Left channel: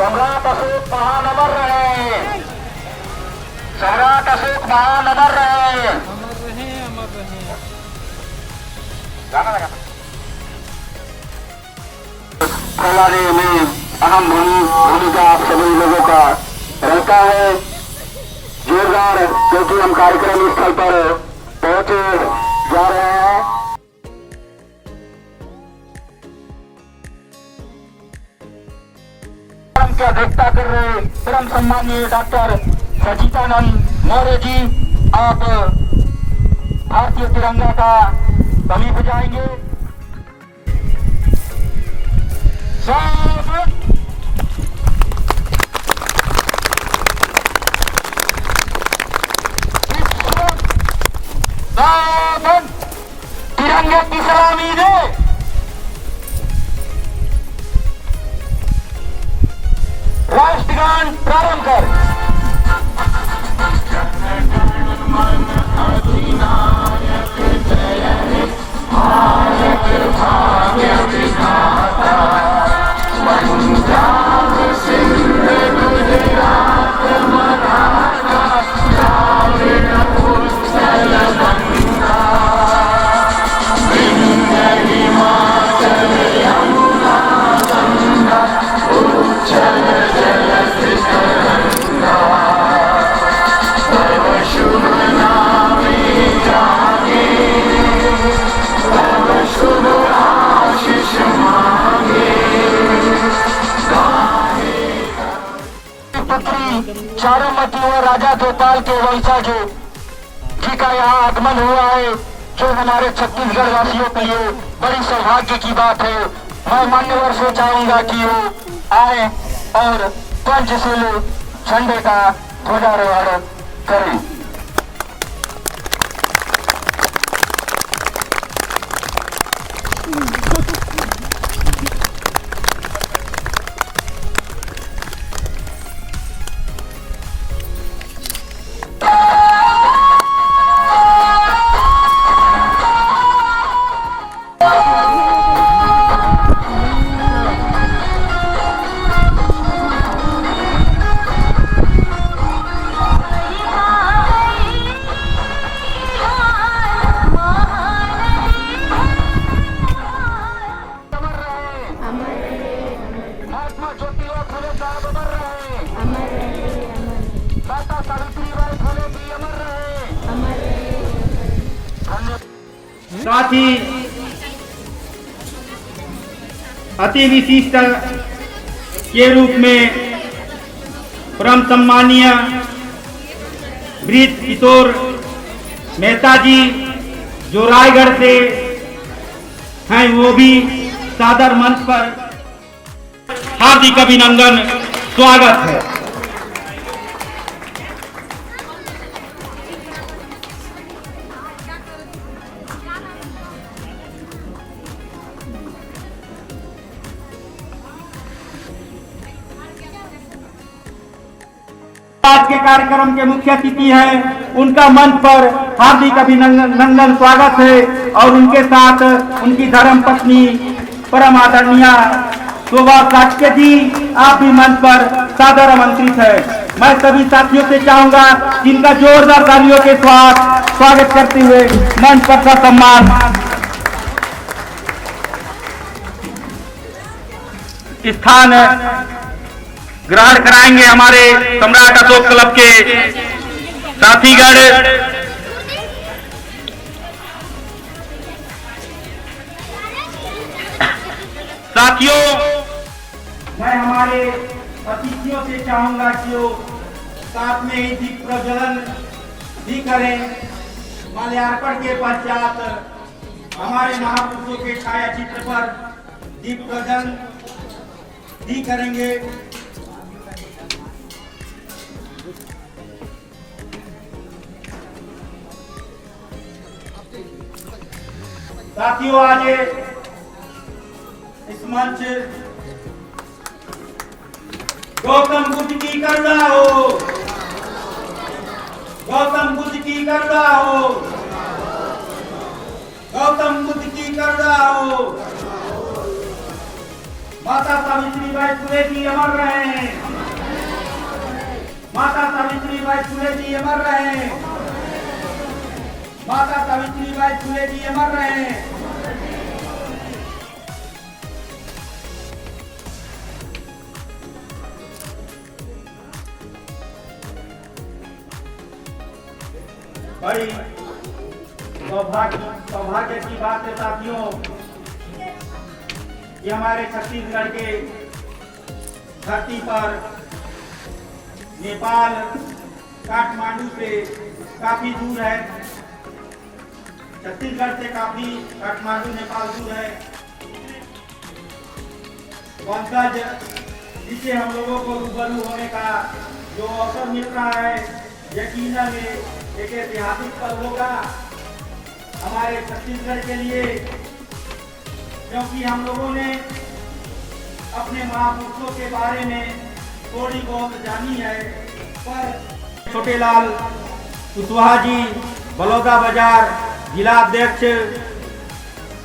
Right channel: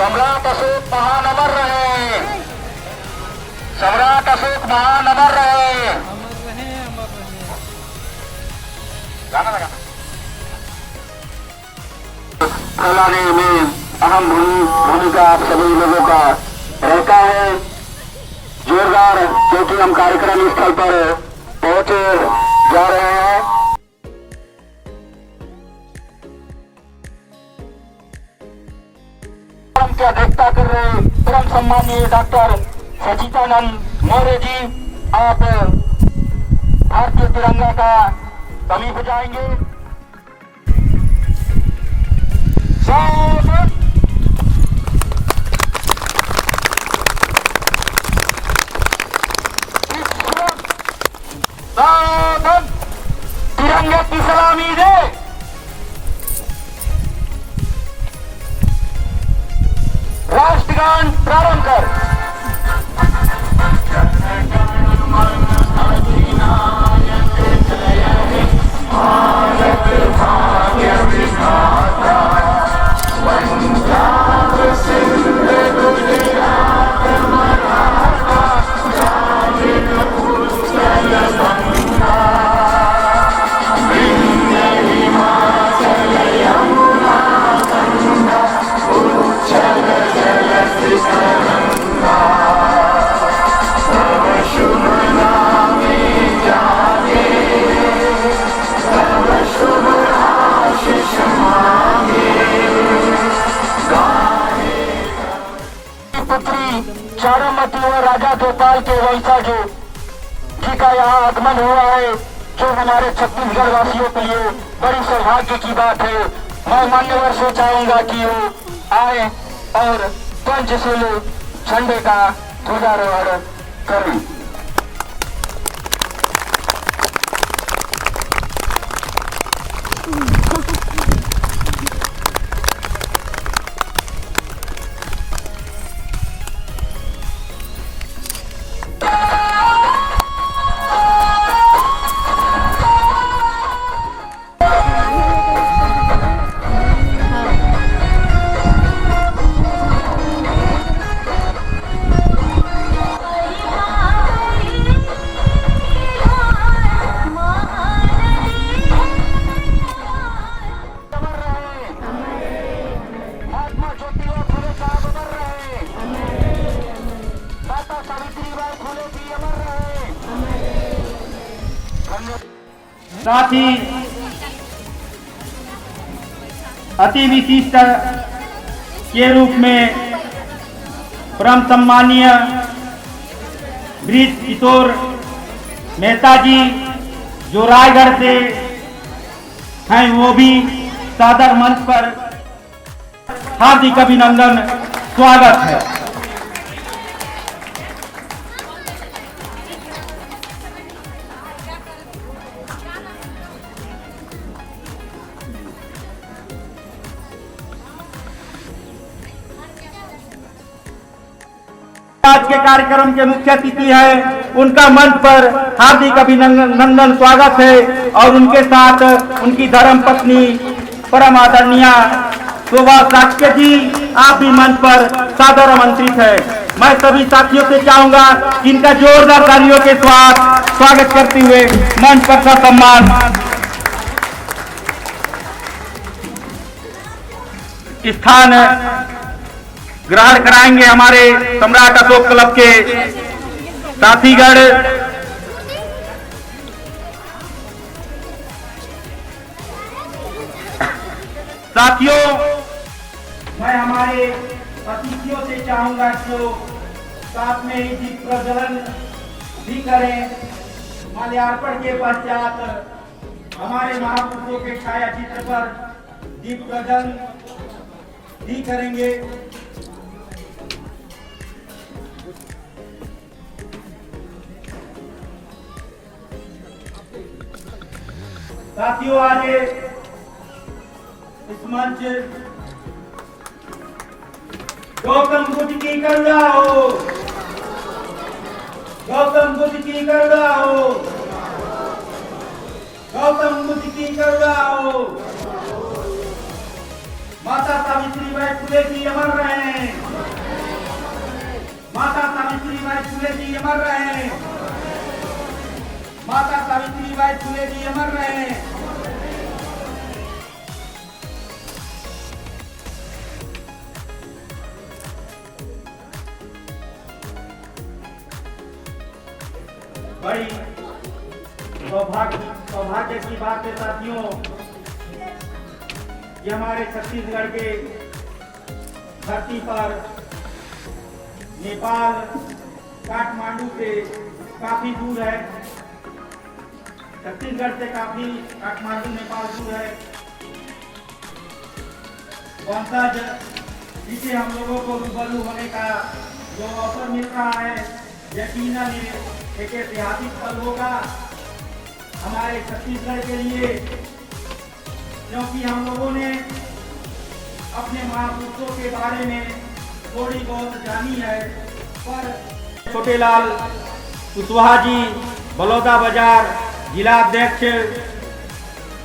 सम्राट अशोक महान अमर रहे, सम्राट अशोक महान अमर रहे, अमर रहे, अमर रहे। गाना लगा फैलाने में अहम भूमिका आप सभी लोगों का रहता है। जोरदार क्योंकि हम कार्यक्रम स्थल पर पहुंचे जा रहे हैं। की अध्यक्षता कर रहे परम सम्मानीय डॉक्टर सचिदानंद मौर्य जी, आप भारतीय तिरंगा का कमी बजाएंगे। तिरंगे की सलामी दे। राष्ट्रगान प्रारंभ कर। चारुमती और राजा गोपाल के वंशजों जी का यहाँ आगमन हुआ है, जो हमारे छत्तीसगढ़ वासियों के लिए बड़ी सौभाग्य की बात है। मैं मान्यवर से चाहूंगा कि वो आए और पंचशील झंडे का ध्वजारोहण करें। साथ ही अति विशिष्ट के रूप में परम सम्मानीय ब्रिज किशोर मेहता जी जो रायगढ़ से हैं, वो भी सादर मंच पर हार्दिक अभिनंदन, स्वागत है। आज के कार्यक्रम के मुख्य अतिथि हैं, उनका मंच पर हार्दिक अभिनंदन स्वागत है। और उनके साथ उनकी धर्म पत्नी परम आदरणीय शोभा साक्य जी, आप भी मंच पर सादर आमंत्रित है। मैं सभी साथियों से चाहूंगा कि इनका जोरदार तालियों के साथ स्वागत करते हुए मंच पर का सम्मान स्थान ग्रहण कराएंगे हमारे सम्राट अशोक क्लब के साथीगण। साथियों, मैं हमारे अतिथियों से चाहूंगा कि वो साथ में ही दीप प्रज्वलन भी करें। माल्यार्पण के पश्चात हमारे महापुरुषों के छाया चित्र पर दीप प्रज्वलन भी करेंगे। साथियों, आज इस मंच गौतम बुद्ध की करुणा हो, गौतम बुद्ध की करुणा हो, गौतम बुद्ध की करुणा हो। माता सावित्रीबाई फुले जी अमर रहे, माता सावित्रीबाई फुले जी अमर रहे, माता सावित्रीबाई फुले जी अमर रहे। बड़ी सौभाग्य की बात है साथियों, ये हमारे छत्तीसगढ़ के धरती पर नेपाल काठमांडू से काफी दूर है। छत्तीसगढ़ से काफी काठमांडू नेपाल दूर है। वंशज जिसे हम लोगों को रूबरू होने का जो अवसर मिल रहा है, यकीनन एक ऐतिहासिक पल होगा हमारे छत्तीसगढ़ के लिए, क्योंकि हम लोगों ने अपने महापुरुषों के बारे में थोड़ी बहुत जानी है। पर छोटेलाल कुशवाहा जी, बलौदा बाजार जिला अध्यक्ष,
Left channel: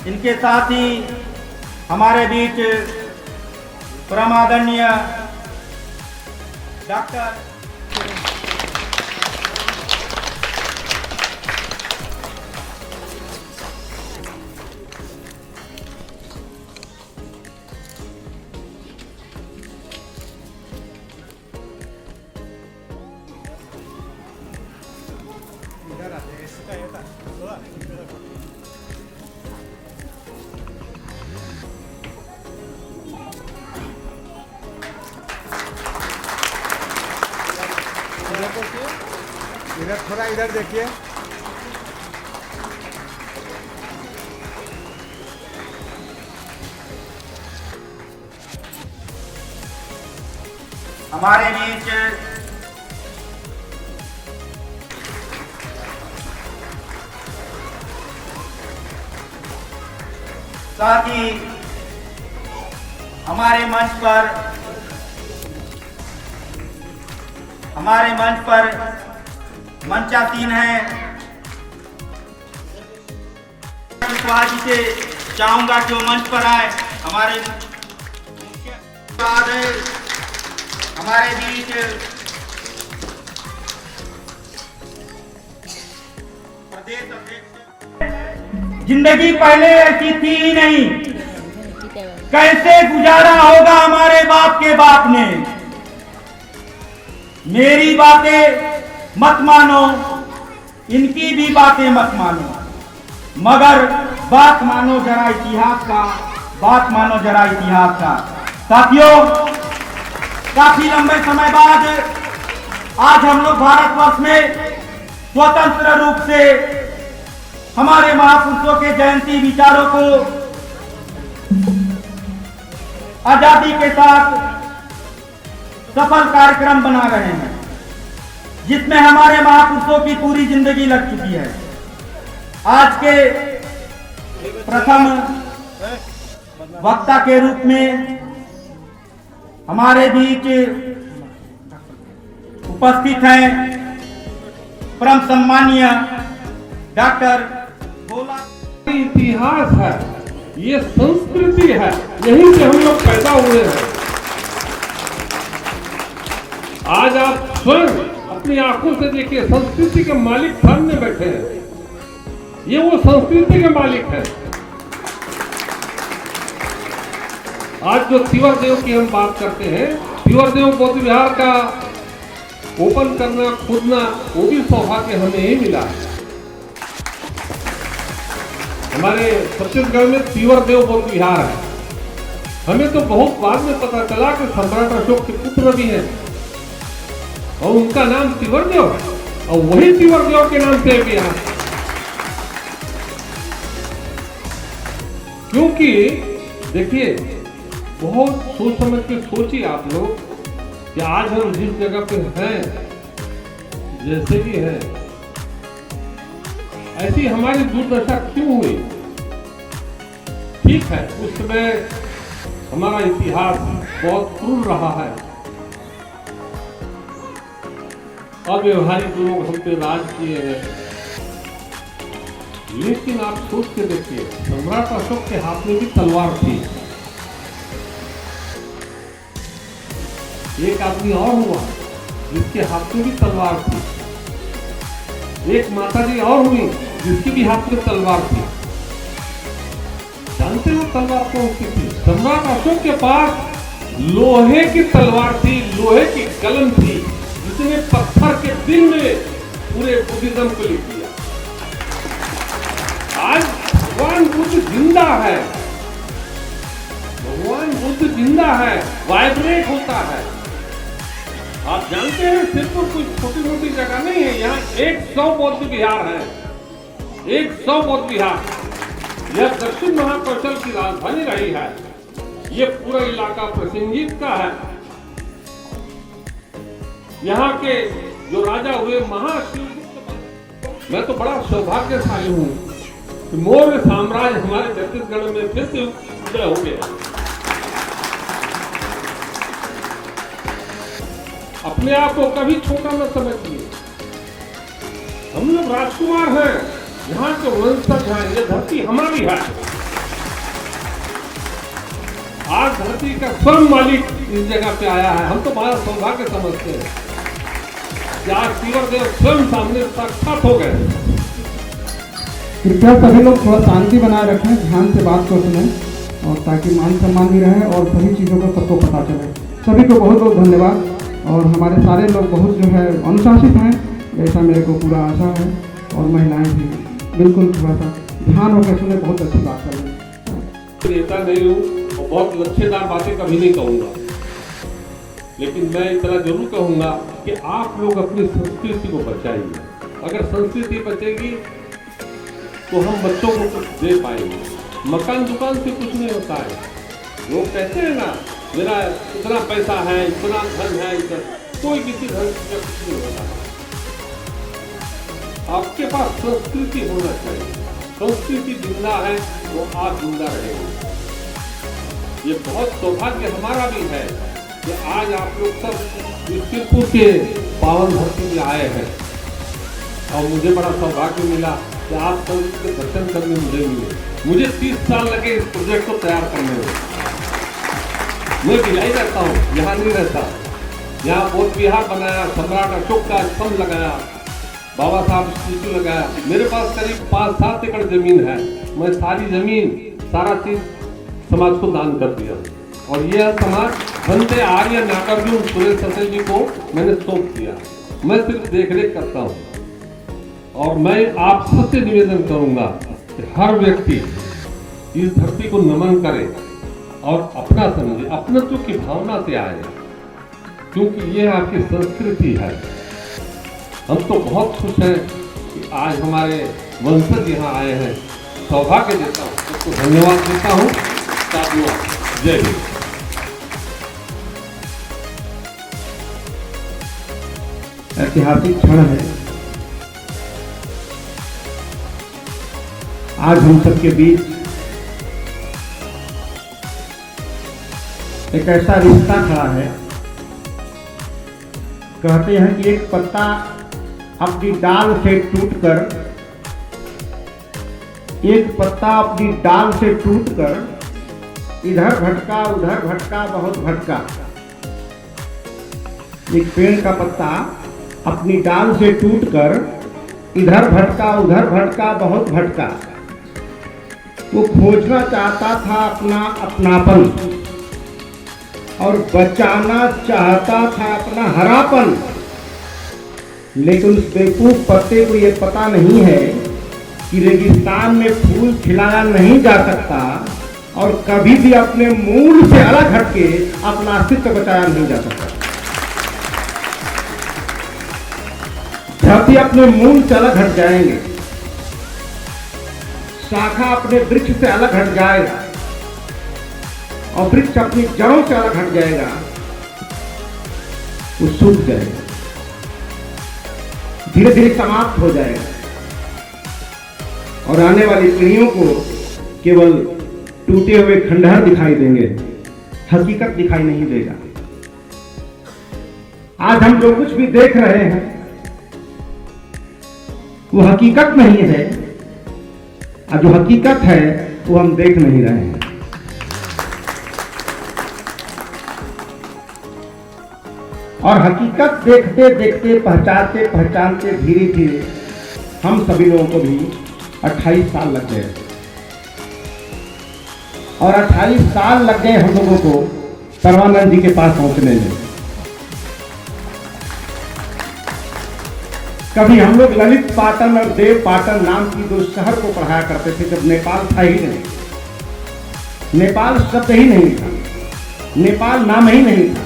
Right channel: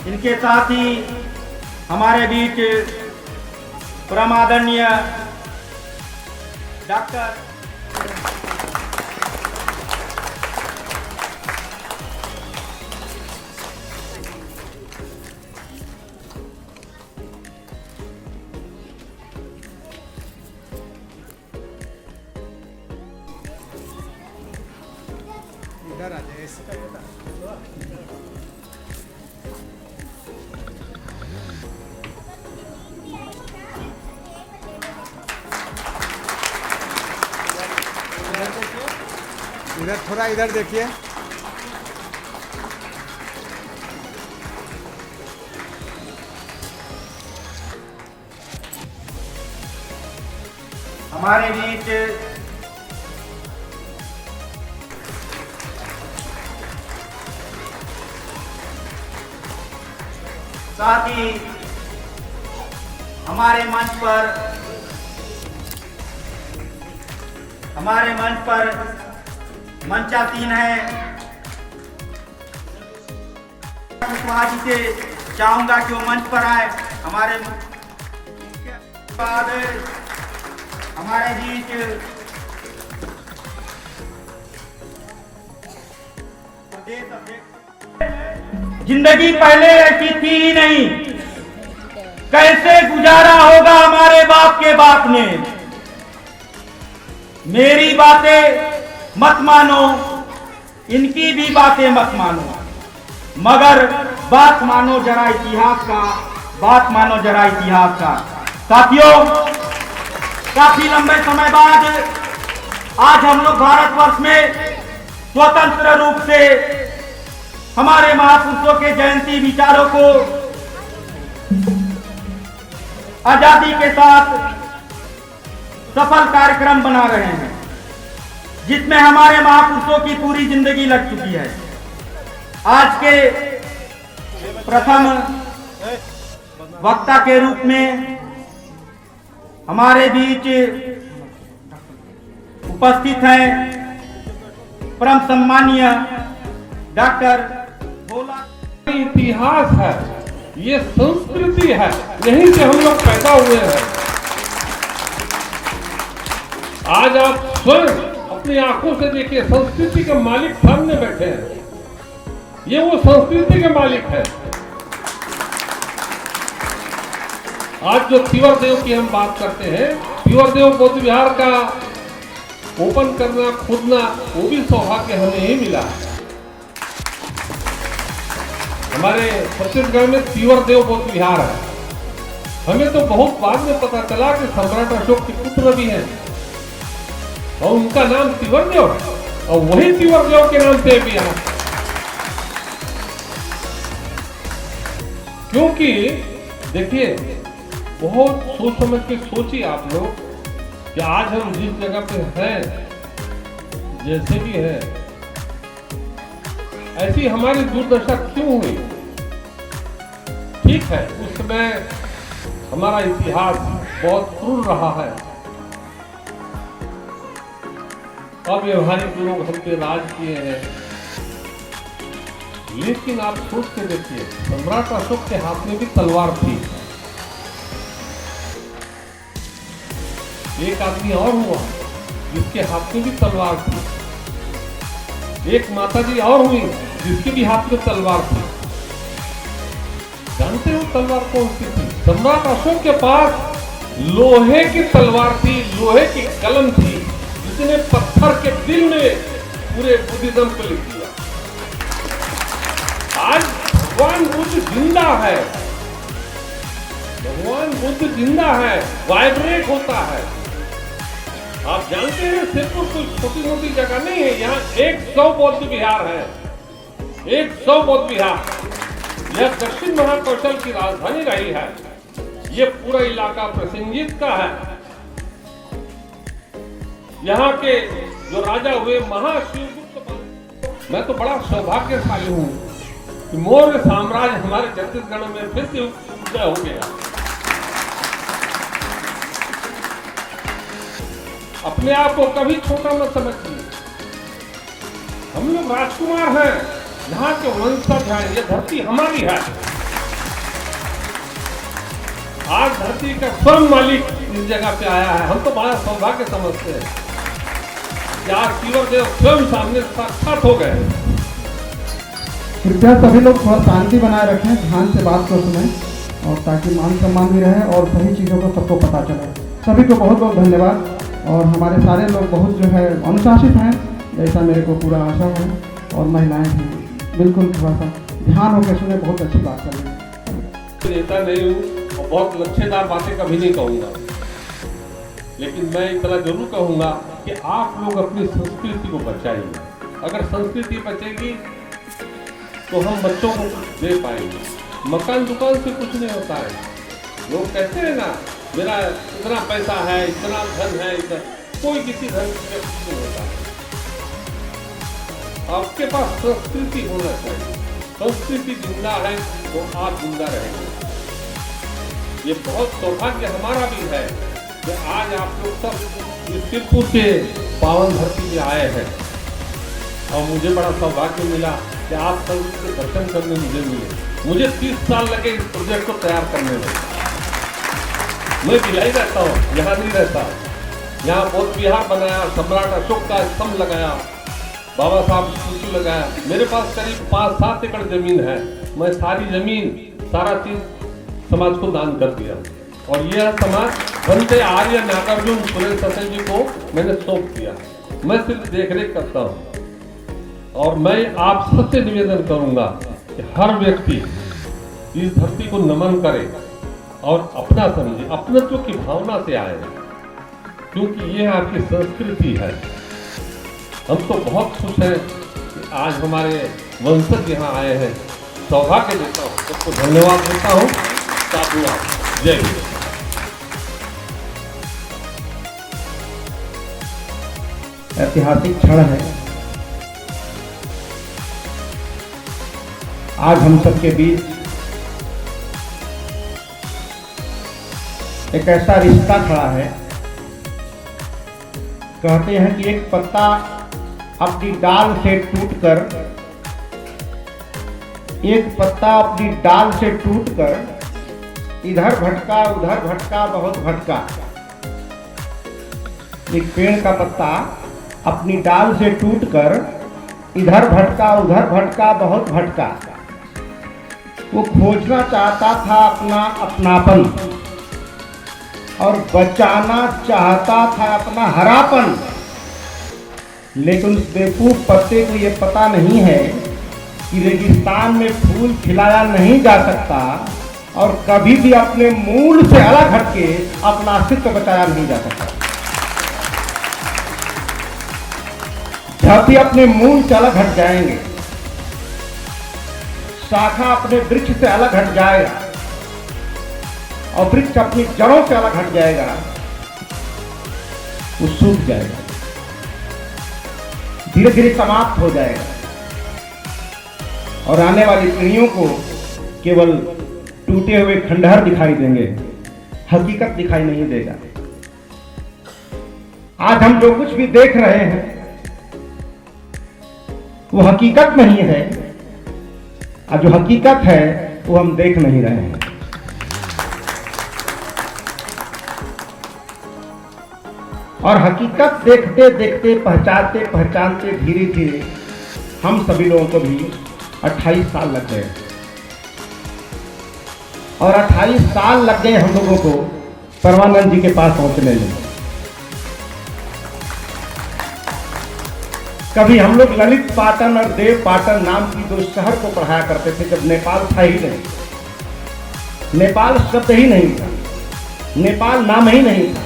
इनके साथ ही हमारे बीच परम आदरणीय डॉक्टर इधर थोड़ा इधर देखिए। हमारे बीच साथ ही हमारे मंच पर मंचासीन है। कुशवाहा जी से चाहूंगा कि वो मंच पर आए। हमारे बीच जिंदगी पहले ऐसी थी ही नहीं, कैसे गुजारा होगा हमारे बाप के बाप ने। मेरी बातें मत मानो, इनकी भी बातें मत मानो, मगर बात मानो जरा इतिहास का, बात मानो जरा इतिहास का। साथियों, काफी लंबे समय बाद आज हम लोग भारतवर्ष में स्वतंत्र रूप से हमारे महापुरुषों के जयंती विचारों को आजादी के साथ सफल कार्यक्रम बना रहे हैं, जिसमें हमारे महापुरुषों की पूरी जिंदगी लग चुकी है। आज के प्रथम वक्ता के रूप में हमारे बीच उपस्थित हैं परम सम्मानीय डॉक्टर भोला। इतिहास है, ये संस्कृति है, यहीं से हम लोग पैदा हुए हैं। आज आप स्वयं अपनी आंखों से देखिए, संस्कृति के मालिक सामने बैठे हैं। ये वो संस्कृति के मालिक हैं। आज जो तिवर देव की हम बात करते हैं, तिवर देव बौद्ध विहार का ओपन करना, खोदना, वो भी सौभाग्य हमें ही मिला। हमारे छत्तीसगढ़ में तिवर देव बौद्ध विहार है। हमें तो बहुत बाद में पता चला कि सम्राट अशोक के पुत्र भी हैं और उनका नाम तिवर देव है, और वही तिवर देव के नाम से भी है। क्योंकि देखिए, बहुत सोच समझ के सोचिए आप लोग कि आज हम जिस जगह पे हैं, जैसे भी है, ऐसी हमारी दुर्दशा क्यों हुई? ठीक है, उस समय हमारा इतिहास बहुत क्रूर रहा है। अव्यवहारिक लोग हम पे राज किए हैं। लेकिन आप सोच के देखिए, सम्राट अशोक के हाथ में भी तलवार थी। एक आदमी और हुआ जिसके हाथ में भी तलवार थी। एक माताजी और हुई जिसके भी हाथ में तलवार थी। जानते हो तलवार कौन सी थी? सम्राट अशोक के पास लोहे की तलवार थी, लोहे की कलम थी, जिसने पत्थर के दिल में पूरे बुद्धिज्म को लिख दिया। आज भगवान बुद्ध जिंदा है, भगवान बुद्ध जिंदा है, वाइब्रेट होता है। आप जानते हैं, सिर्फ कोई छोटी मोटी जगह नहीं है। यहाँ 100 बौद्ध विहार है, 100 बौद्ध विहार। यह दक्षिण महाकौशल की राजधानी रही है। ये पूरा इलाका प्रसिंगित का है। यहाँ के जो राजा हुए महाशिवगुप्त, मैं तो बड़ा सौभाग्यशाली हूँ कि मौर्य साम्राज्य हमारे छत्तीसगढ़ में फिर से उदय हो गया। अपने आप को कभी छोटा न समझिए। हम लोग राजकुमार हैं, यहाँ के वंशज हैं, ये धरती हमारी है। आज धरती का स्वयं मालिक इस जगह पे आया है। हम तो बड़ा सौभाग्य समझते हैं कि आज तिवर देव स्वयं सामने साक्षात हो गए। कृपया सभी लोग थोड़ा शांति बनाए रखें, ध्यान से बात को सुनें, और ताकि मान सम्मान भी रहे और सभी चीज़ों को सबको पता चले। सभी को बहुत बहुत धन्यवाद। और हमारे सारे लोग बहुत जो है अनुशासित हैं, ऐसा मेरे को पूरा आशा है। और महिलाएं भी बिल्कुल थोड़ा सा ध्यान होकर सुने, बहुत अच्छी बात कर रही हैं। नेता नहीं हूँ और बहुत लच्छेदार बातें कभी नहीं कहूँगा, लेकिन मैं इतना जरूर कहूँगा कि आप लोग अपनी संस्कृति को बचाइए। अगर संस्कृति बचेगी तो हम बच्चों को कुछ दे पाएंगे। मकान दुकान से कुछ नहीं होता है। लोग कहते हैं ना, मेरा इतना पैसा है, इतना धन है, इतना, कोई किसी धन से कुछ नहीं होता है। आपके पास संस्कृति होना चाहिए। संस्कृति जिंदा है तो आप जिंदा रहेंगे। ये बहुत सौभाग्य हमारा भी है कि आज आप लोग सब शिवपुर के पावन धरती में आए हैं, और मुझे बड़ा सौभाग्य मिला कि आप सब उसके दर्शन करने मुझे मिले। मुझे 30 साल लगे इस प्रोजेक्ट को तैयार करने में। मैं भिलाई रहता हूँ, यहाँ नहीं रहता। यहाँ बौद्ध विहार बनाया, सम्राट अशोक का स्तंभ लगाया, बाबा साहब स्टैचू लगाया। मेरे पास करीब 5-7 एकड़ जमीन है। मैं सारी जमीन, सारा चीज समाज को दान कर दिया, और यह समाज बनते आर्य नागार्जुन सुरेश ससल जी को मैंने सौंप दिया। मैं सिर्फ देखरेख करता हूँ। और मैं आप सबसे निवेदन करूंगा कि हर व्यक्ति इस धरती को नमन करे और अपना समझे, अपनत्व की भावना से आए, क्योंकि ये आपकी संस्कृति है। हम तो बहुत खुश हैं कि आज हमारे वंशज यहाँ आए हैं। सौभाग्य देता हूँ, सबको धन्यवाद देता हूँ। साधुवाद। जय हिंद। ऐतिहासिक क्षण है। आज हम सबके बीच एक ऐसा रिश्ता खड़ा है, कहते हैं कि एक पत्ता अपनी डाल से टूटकर, एक पत्ता अपनी डाल से टूटकर इधर भटका उधर भटका बहुत भटका। एक पेड़ का पत्ता अपनी डाल से टूटकर इधर भटका उधर भटका बहुत भटका। वो खोजना चाहता था अपना अपनापन और बचाना चाहता था अपना हरापन, लेकिन उस बेवकूफ पत्ते को ये पता नहीं है कि रेगिस्तान में फूल खिलाया नहीं जा सकता और कभी भी अपने मूल से अलग हटके अपना अस्तित्व बचाया नहीं जा सकता। जब भी अपने मूल से अलग हट जाएंगे, शाखा अपने वृक्ष से अलग हट जाएगा और वृक्ष अपनी जड़ों से अलग हट जाएगा, वो सूख जाएगा, धीरे धीरे समाप्त हो जाएगा और आने वाली पीढ़ियों को केवल टूटे हुए खंडहर दिखाई देंगे, हकीकत दिखाई नहीं देगा। आज हम जो कुछ भी देख रहे हैं वो हकीकत नहीं है, और जो हकीकत है वो हम देख नहीं रहे हैं। और हकीकत देखते देखते पहचानते पहचानते धीरे धीरे हम सभी लोगों को भी 28 साल लग गए और 28 साल लग गए हम लोगों को परमानंद जी के पास पहुंचने में। कभी हम लोग ललित पाटन और देव पाटन नाम की दो शहर को पढ़ाया करते थे जब नेपाल था ही नहीं, नेपाल शब्द ही नहीं था, नेपाल नाम ही नहीं था।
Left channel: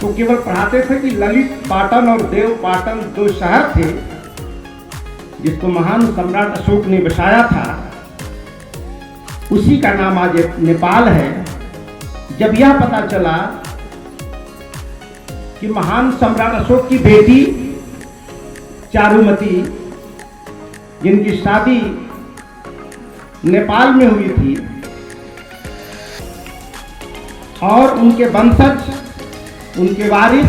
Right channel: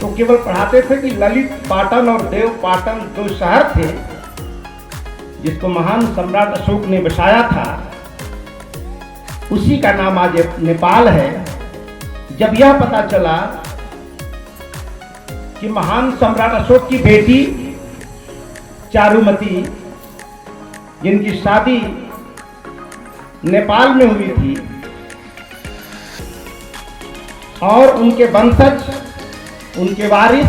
तो केवल पढ़ाते थे कि ललित पाटन और देव पाटन दो शहर थे जिसको महान सम्राट अशोक ने बसाया था, उसी का नाम आज नेपाल है। जब यह पता चला कि महान सम्राट अशोक की बेटी चारुमती, जिनकी शादी नेपाल में हुई थी और उनके वंशज, उनके वारिस,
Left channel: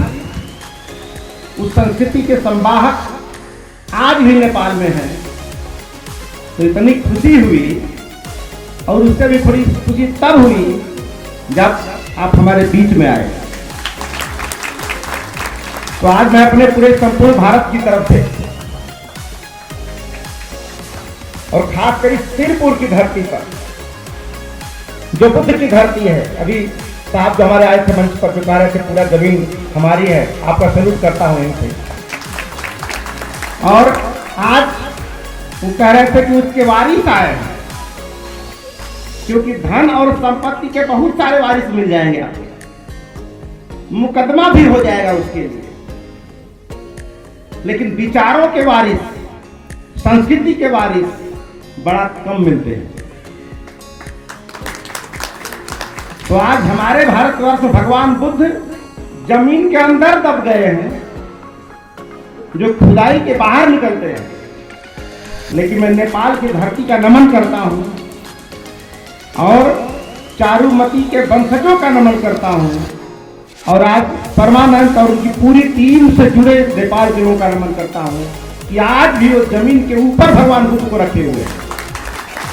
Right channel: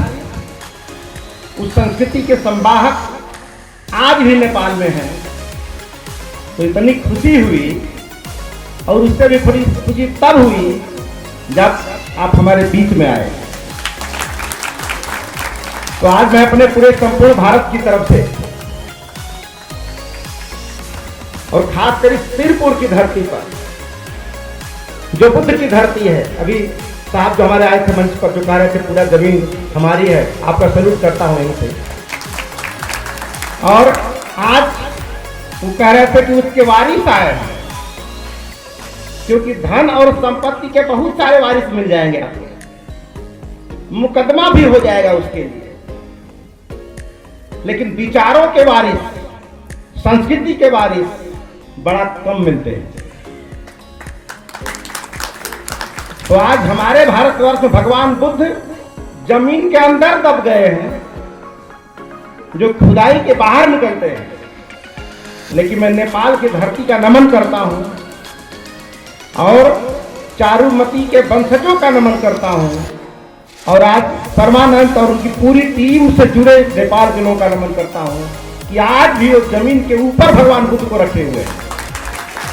उस संस्कृति के संवाहक आज भी नेपाल में हैं, तो इतनी खुशी हुई। और उससे भी थोड़ी खुशी तब हुई जब आप हमारे बीच में आए। तो आज मैं अपने पूरे संपूर्ण भारत की तरफ से और खासकर इस तिरपुर की धरती पर, जो बुद्ध की धरती है, अभी साहब जो हमारे आए थे मंच पर जो कह रहे थे पूरा जमीन हमारी है, आपका सैल्यूट करता हूं इनसे। और आज वो कह रहे थे कि उसके वारिस आए हैं, क्योंकि धन और संपत्ति के बहुत सारे वारिस मिल जाएंगे आपको, मुकदमा भी हो जाएगा उसके लिए, लेकिन विचारों के वारिस, संस्कृति के वारिस बड़ा कम मिलते हैं। तो आज हमारे भारतवर्ष में भगवान बुद्ध जमीन के अंदर दब गए हैं, जो खुदाई के बाहर निकलते हैं। लेकिन मैं नेपाल की धरती का नमन करता हूं और चारुमती के वंशजों का नमन करता हूं, और आज परमानंद और उनकी पूरी टीम से जुड़े नेपाल के लोगों का नमन करता हूं कि आज भी उस जमीन के ऊपर भगवान बुद्ध को रखे हुए हैं,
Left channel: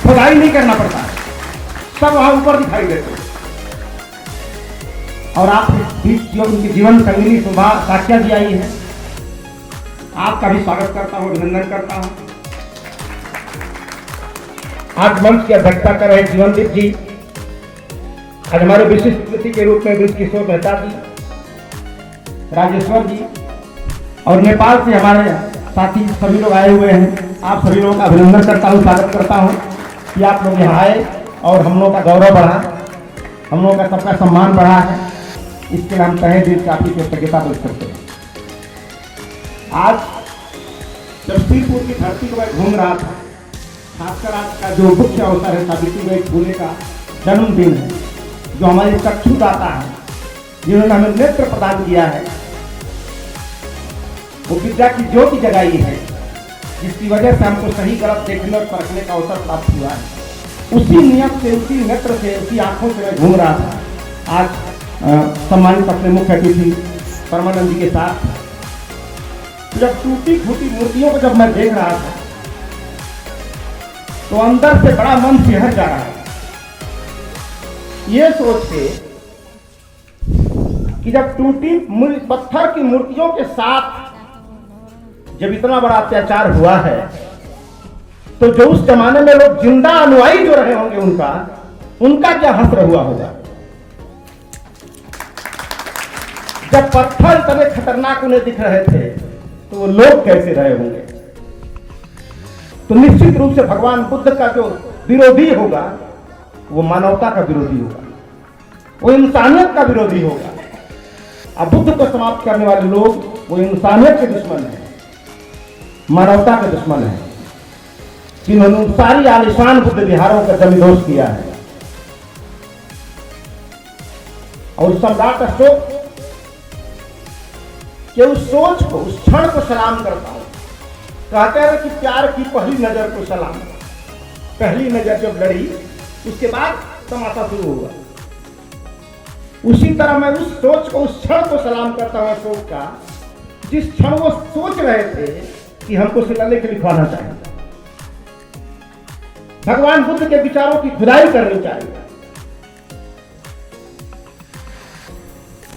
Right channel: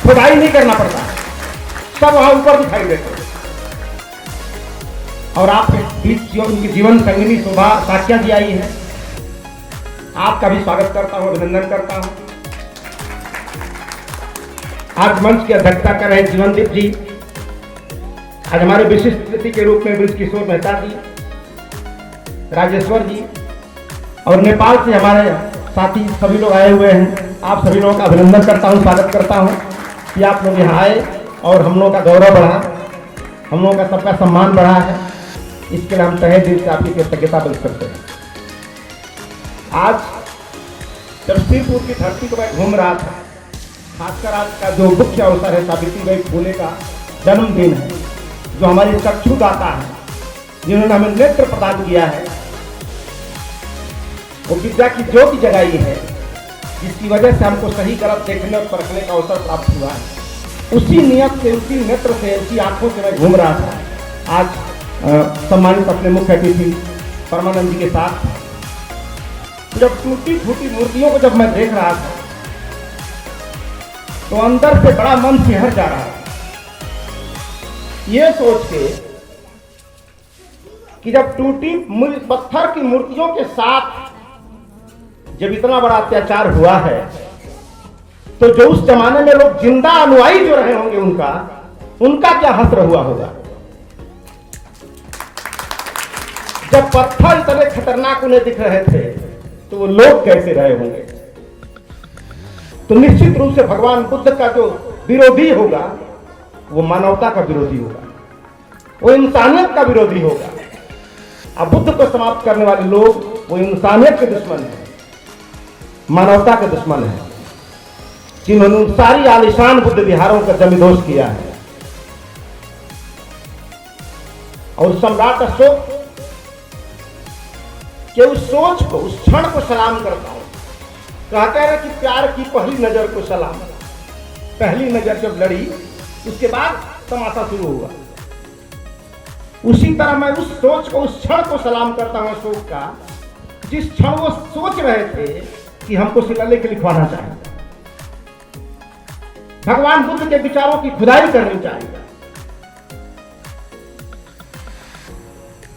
खुदाई नहीं करना पड़ता है, सब वहां ऊपर दिखाई देते हैं। और आपके बीच उनकी जीवन संगिनी शोभा साक्ष्या जी आई है, आपका भी स्वागत करता हूं, अभिनंदन करता हूं। आज मंच की अध्यक्षता कर रहे जीवनदीप जी, आज हमारे विशिष्ट अतिथि के रूप में ब्रजकिशोर मेहता जी, राजेश्वर जी और नेपाल से हमारे साथी सभी लोग आए हुए हैं। आप सभी लोगों का अभिनंदन करता हूं, स्वागत करता हूं कि आप लोग यहाँ आए और हम लोगों का गौरव बढ़ा, हम लोगों का सबका सम्मान बढ़ा है। इसके लिए हम तहे दिल से आपकी कृतज्ञता व्यक्त करते हैं। आज जब श्रीपुर की धरती को मैं घूम रहा था, खासकर आज का जो मुख्य अवसर है सावित्रीबाई फुले का जन्मदिन है, जो हमारी चक्षुदाता है, जिन्होंने हमें नेत्र प्रदान किया है, वो विद्या की ज्योति जगाई है, जिसकी वजह से हमको सही गलत देखने और परखने का अवसर प्राप्त हुआ है। उसी नियत से, उसी नेत्र से, उसी आंखों से मैं घूम रहा था। आज सम्मानित अपने मुख्य अतिथि परमानंद जी के साथ था। जब टूटी फूटी मूर्तियों को जब मैं देख रहा था तो अंदर से बड़ा मन सिहर जा रहा है, ये सोच के कि जब टूटी पत्थर की मूर्तियों के साथ जब इतना बड़ा अत्याचार हुआ है तो जो उस जमाने में लोग जिंदा अनुयायी जो रहे होंगे उनका क्या हश्र हुआ होगा। जब पत्थर इतने खतरनाक उन्हें दिख रहे थे तो वो लोग कैसे रहे होंगे। तो निश्चित रूप से भगवान बुद्ध का जो विरोधी होगा वो मानवता का विरोधी होगा, वो इंसानियत का विरोधी होगा। अब बुद्ध को समाप्त करने वाले लोग वो इंसानियत के दुश्मन है, मानवता के दुश्मन है, जिन्होंने सारी आलिशान बुद्ध विहारों का जमींदोज किया है। और सम्राट अशोक के उस सोच को, उस क्षण को सलाम करता है। कहते हैं कि प्यार की पहली नजर को सलाम। पहली नजर जब लड़ी उसके बाद तमाशा शुरू हुआ। उसी तरह मैं उस सोच को, उस क्षण को सलाम करता हूं अशोक का, जिस क्षण वो सोच रहे थे कि हमको शिलालेख लिखवाना चाहिए, भगवान बुद्ध के विचारों की खुदाई करनी चाहिए।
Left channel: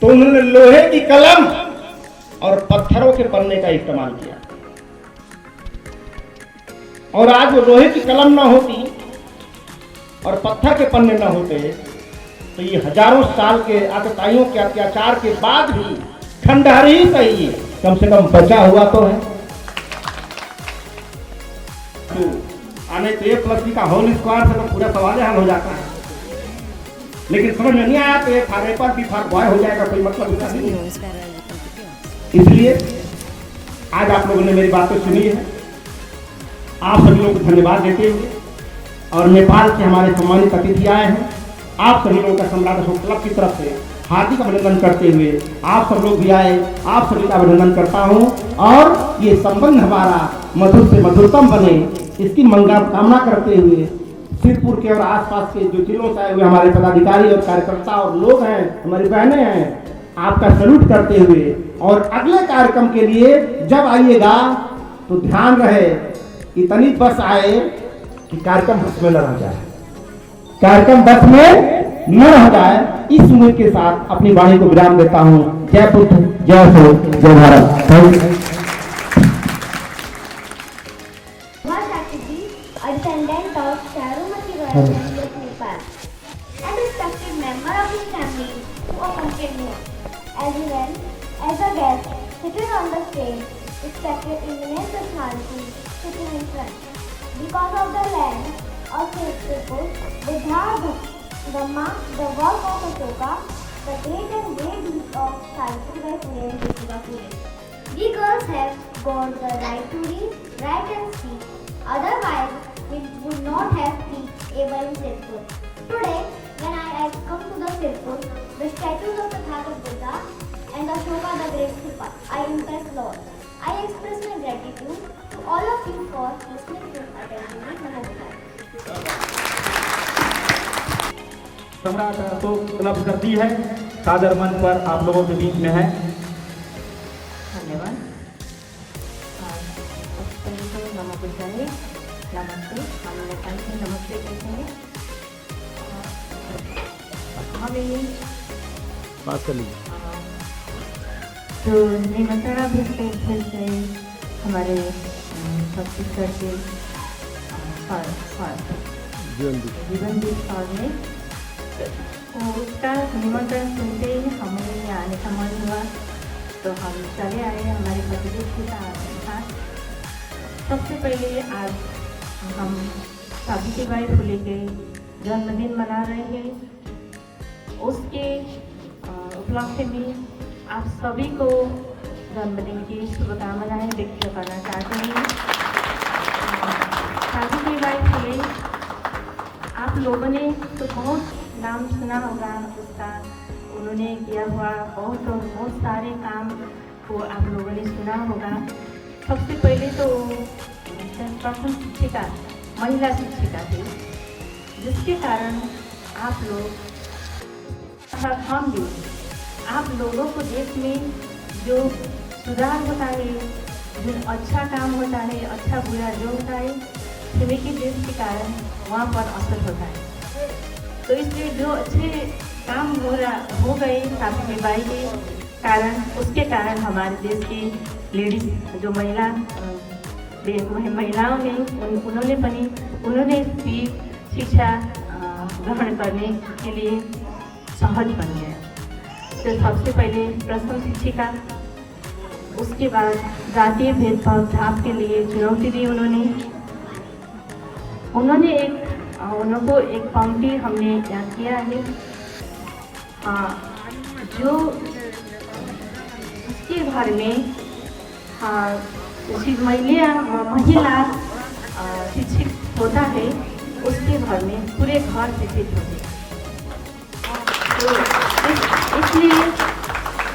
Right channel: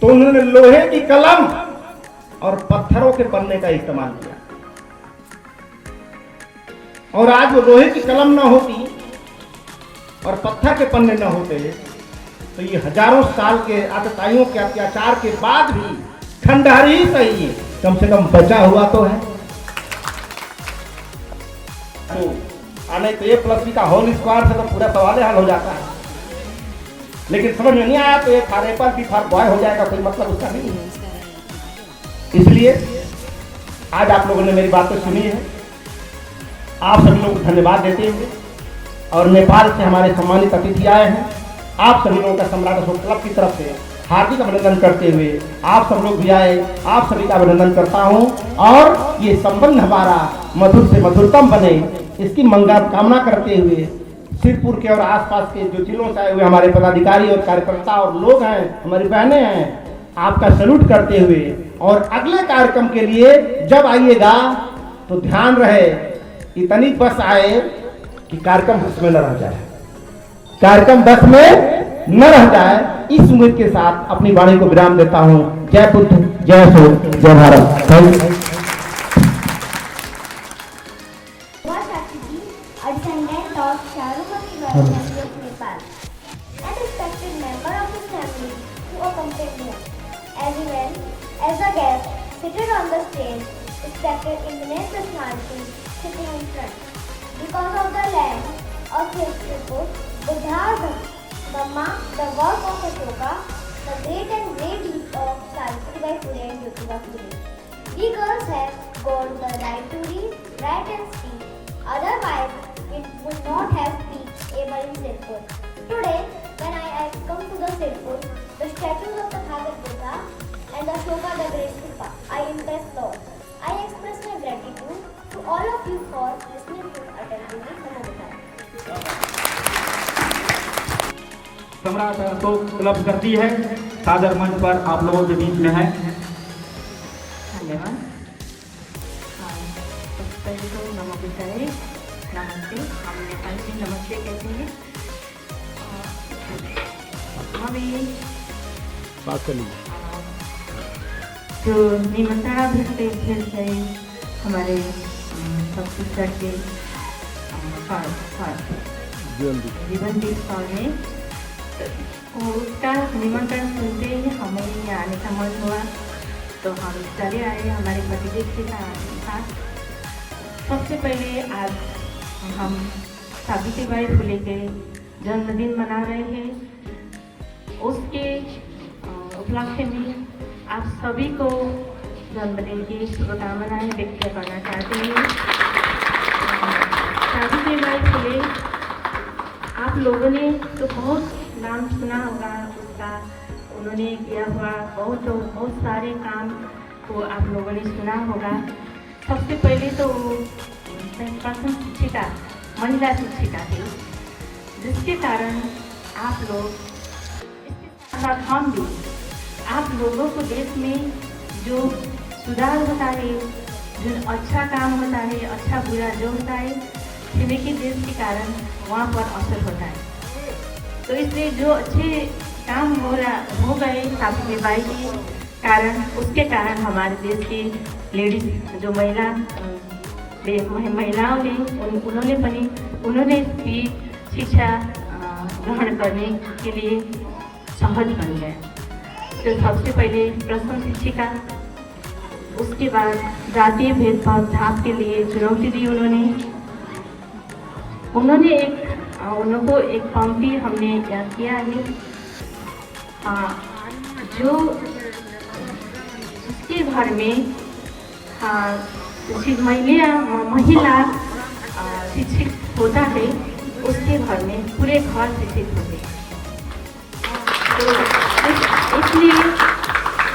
तो उन्होंने लोहे की कलम और पत्थरों के पन्ने का इस्तेमाल किया। और आज वो लोहे की कलम ना होती और पत्थर के पन्ने ना होते तो ये हजारों साल के आतताइयों के अत्याचार के बाद भी खंडहर ही सही कम से कम बचा हुआ तो है। तो आने तो ए प्लस बी का होल स्क्वायर से तो पूरा सवाल हल हो जाता है, लेकिन समझ में नहीं आया तो एक फार एप्पल बी फार बॉय हो जाएगा, कोई मतलब उसका नहीं है। इसलिए आज आप लोगों ने मेरी बातें सुनी है, आप सभी लोगों को धन्यवाद देते हुए और नेपाल से हमारे सम्मानित अतिथि आए हैं, आप सभी लोगों का सम्राट अशोक क्लब की तरफ से हार्दिक अभिनंदन करते हुए आप सब लोग भी आए, आप सभी का अभिनंदन करता हूं और ये संबंध हमारा मधुर से मधुरतम बने इसकी मंगल कामना करते हुए सिरपुर के और आसपास के जो जिलों से आए हुए हमारे पदाधिकारी और कार्यकर्ता और लोग हैं, हमारी बहनें हैं, आपका सैल्यूट करते हुए और अगले कार्यक्रम के लिए जब आइएगा तो ध्यान रहे इतनी बस आए कि कार्यक्रम बस में न रह जाए, कार्यक्रम बस में न रह जाए। इस उम्मीद के साथ अपनी वाणी को विराम देता हूं। जय बुद्ध, जय हिंद, जय Bharat. Thank you. A descendant of Charumati Vaishnavi of Nepal, and respected member of his family who accompanied him, as well as a guest seated on the stage, respected immense personality sitting in front. Because of the land of his people, Buddha, Dhamma, the work of Ashoka, the great and great deeds of Savitri Bai Phule and Jyotiba Phule. We girls have got the right to read, write and speak. Otherwise, we would not have been able in Sirpur. Today, when I have come to the Sirpur, the statues of the Bhagat Buddha and the Ashoka the Great Stupa, I impress Lord. I express my gratitude to all of you for listening to attending my Namaskar. सम्राट Ashok club करती है, सादर मंच पर आप लोगों के बीच में है। धन्यवाद। पहले तो नमो बुद्धाय, नमस्ते। हम नेपाल में नमस्ते कहते हैं। हमें बात कर लीजिए। जो निमंत्रणा भेजते हमारे छत्तीसगढ़ के जीवनदीप सर ने, तो उसका निमंत्रण सुनते ही हमें यहाँ आने का मन हुआ, तो हम चले आए हमारे पतिदेव के साथ। सबसे पहले आज हम सावित्री बाई फुले के जन्मदिन मना रहे हैं। उसके उपलक्ष्य में आप सभी को जन्मदिन की शुभकामनाएं व्यक्त करना चाहती हूँ। सावित्री बाई फुले आप लोगों ने तो बहुत नाम सुना होगा उसका, उन्होंने किया हुआ बहुत सारे काम को आप लोगों ने सुना होगा। सबसे पहले तो प्रथम शिक्षिका, महिला शिक्षिका थी, जिसके कारण आप लोग हम भी आप लोगों को देश में जो सुधार होता है, जो अच्छा काम होता है, अच्छा बुरा जो होता है छिमेकी देश के कारण वहाँ पर असर होता है। तो इसलिए जो अच्छे काम हो गए सावित्री बाई के कारण, उसके कारण हमारे देश की लेडीज जो महिलाओं ने उन्होंने भी शिक्षा ग्रहण करने के लिए सहज बन गया। तो सबसे पहले प्रथम शिक्षिका, उसके बाद जातीय भेदभाव झाप के लिए चुनौती दी उनको एक पंक्ति हमने याद किया है, जो जिसके घर में महिला शिक्षित होता है उसके घर में पूरे घर शिक्षित होते हैं। तो इसलिए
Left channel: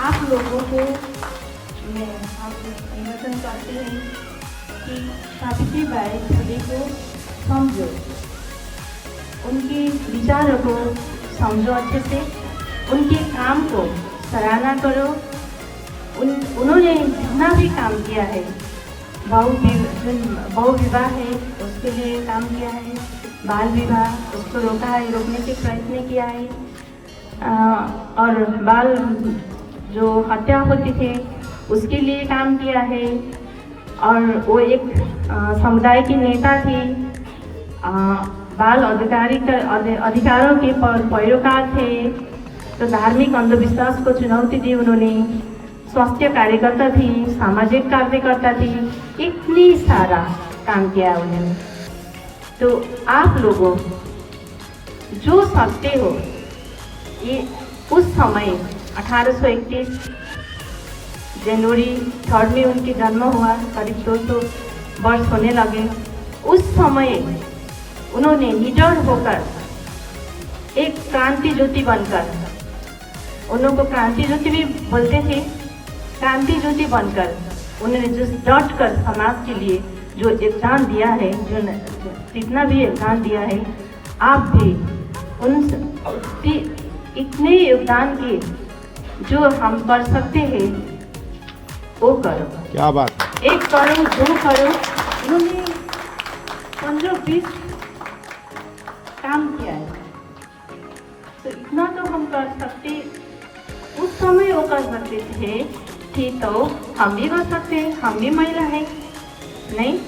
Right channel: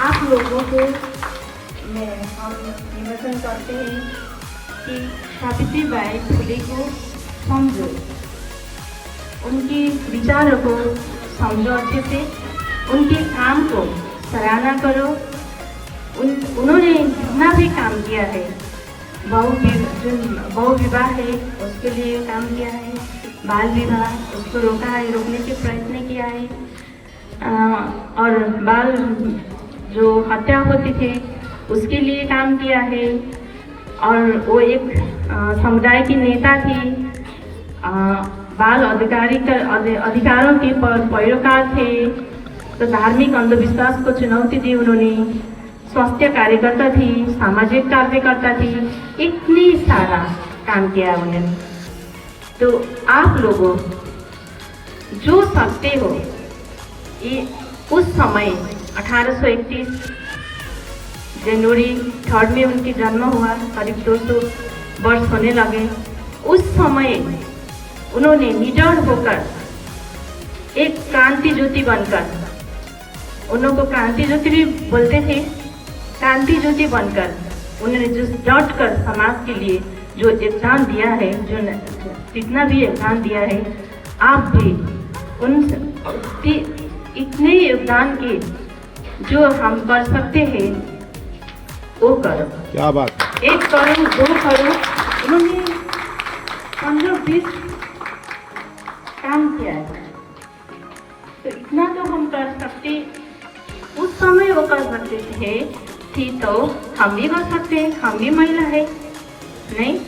आप लोगों को हम निवेदन करते हैं कि सावित्री बाई फुले को समझो, उनके विचारों को समझो अच्छे से, उनके काम को सराहना करो। उन्होंने जितना भी काम किया है, बहु विवाह है उसके लिए काम किया है, बाल विवाह उसको रोकने के प्रयत्न किया है, और बाल जो हत्या होती थे उसके लिए काम किया है, और वो एक समुदाय की नेता थी, बाल अधिकारों के पैरोकार थे। तो धार्मिक अंधविश्वास को चुनौती दी उन्होंने, स्वास्थ्य कार्यकर्ता थी, सामाजिक कार्यकर्ता थी, इतनी सारा काम किया उन्होंने। तो आप लोगों जो सकते हो, ये उस समय 1831 जनवरी 3 में उनकी जन्म हुआ, करीब 200 वर्ष होने लगे। उस समय उन्होंने निडर होकर एक क्रांति ज्योति बनकर, उनको क्रांति ज्योति भी बोलते थे, क्रांति ज्योति बनकर उन्होंने जो डट कर समाज के लिए जो योगदान दिया है, जो जितना भी योगदान दिया है, आप भी उन इतने योगदान के जो हम कर सकते हैं वो करो। क्या बात, 1 करो 2 करो, उन्होंने 15-20 काम किया है। तो इतना तो हम कर सकते, उस समय वो कर सकते थे तो हम भी कर सकते हैं, हम भी महिला है नहीं।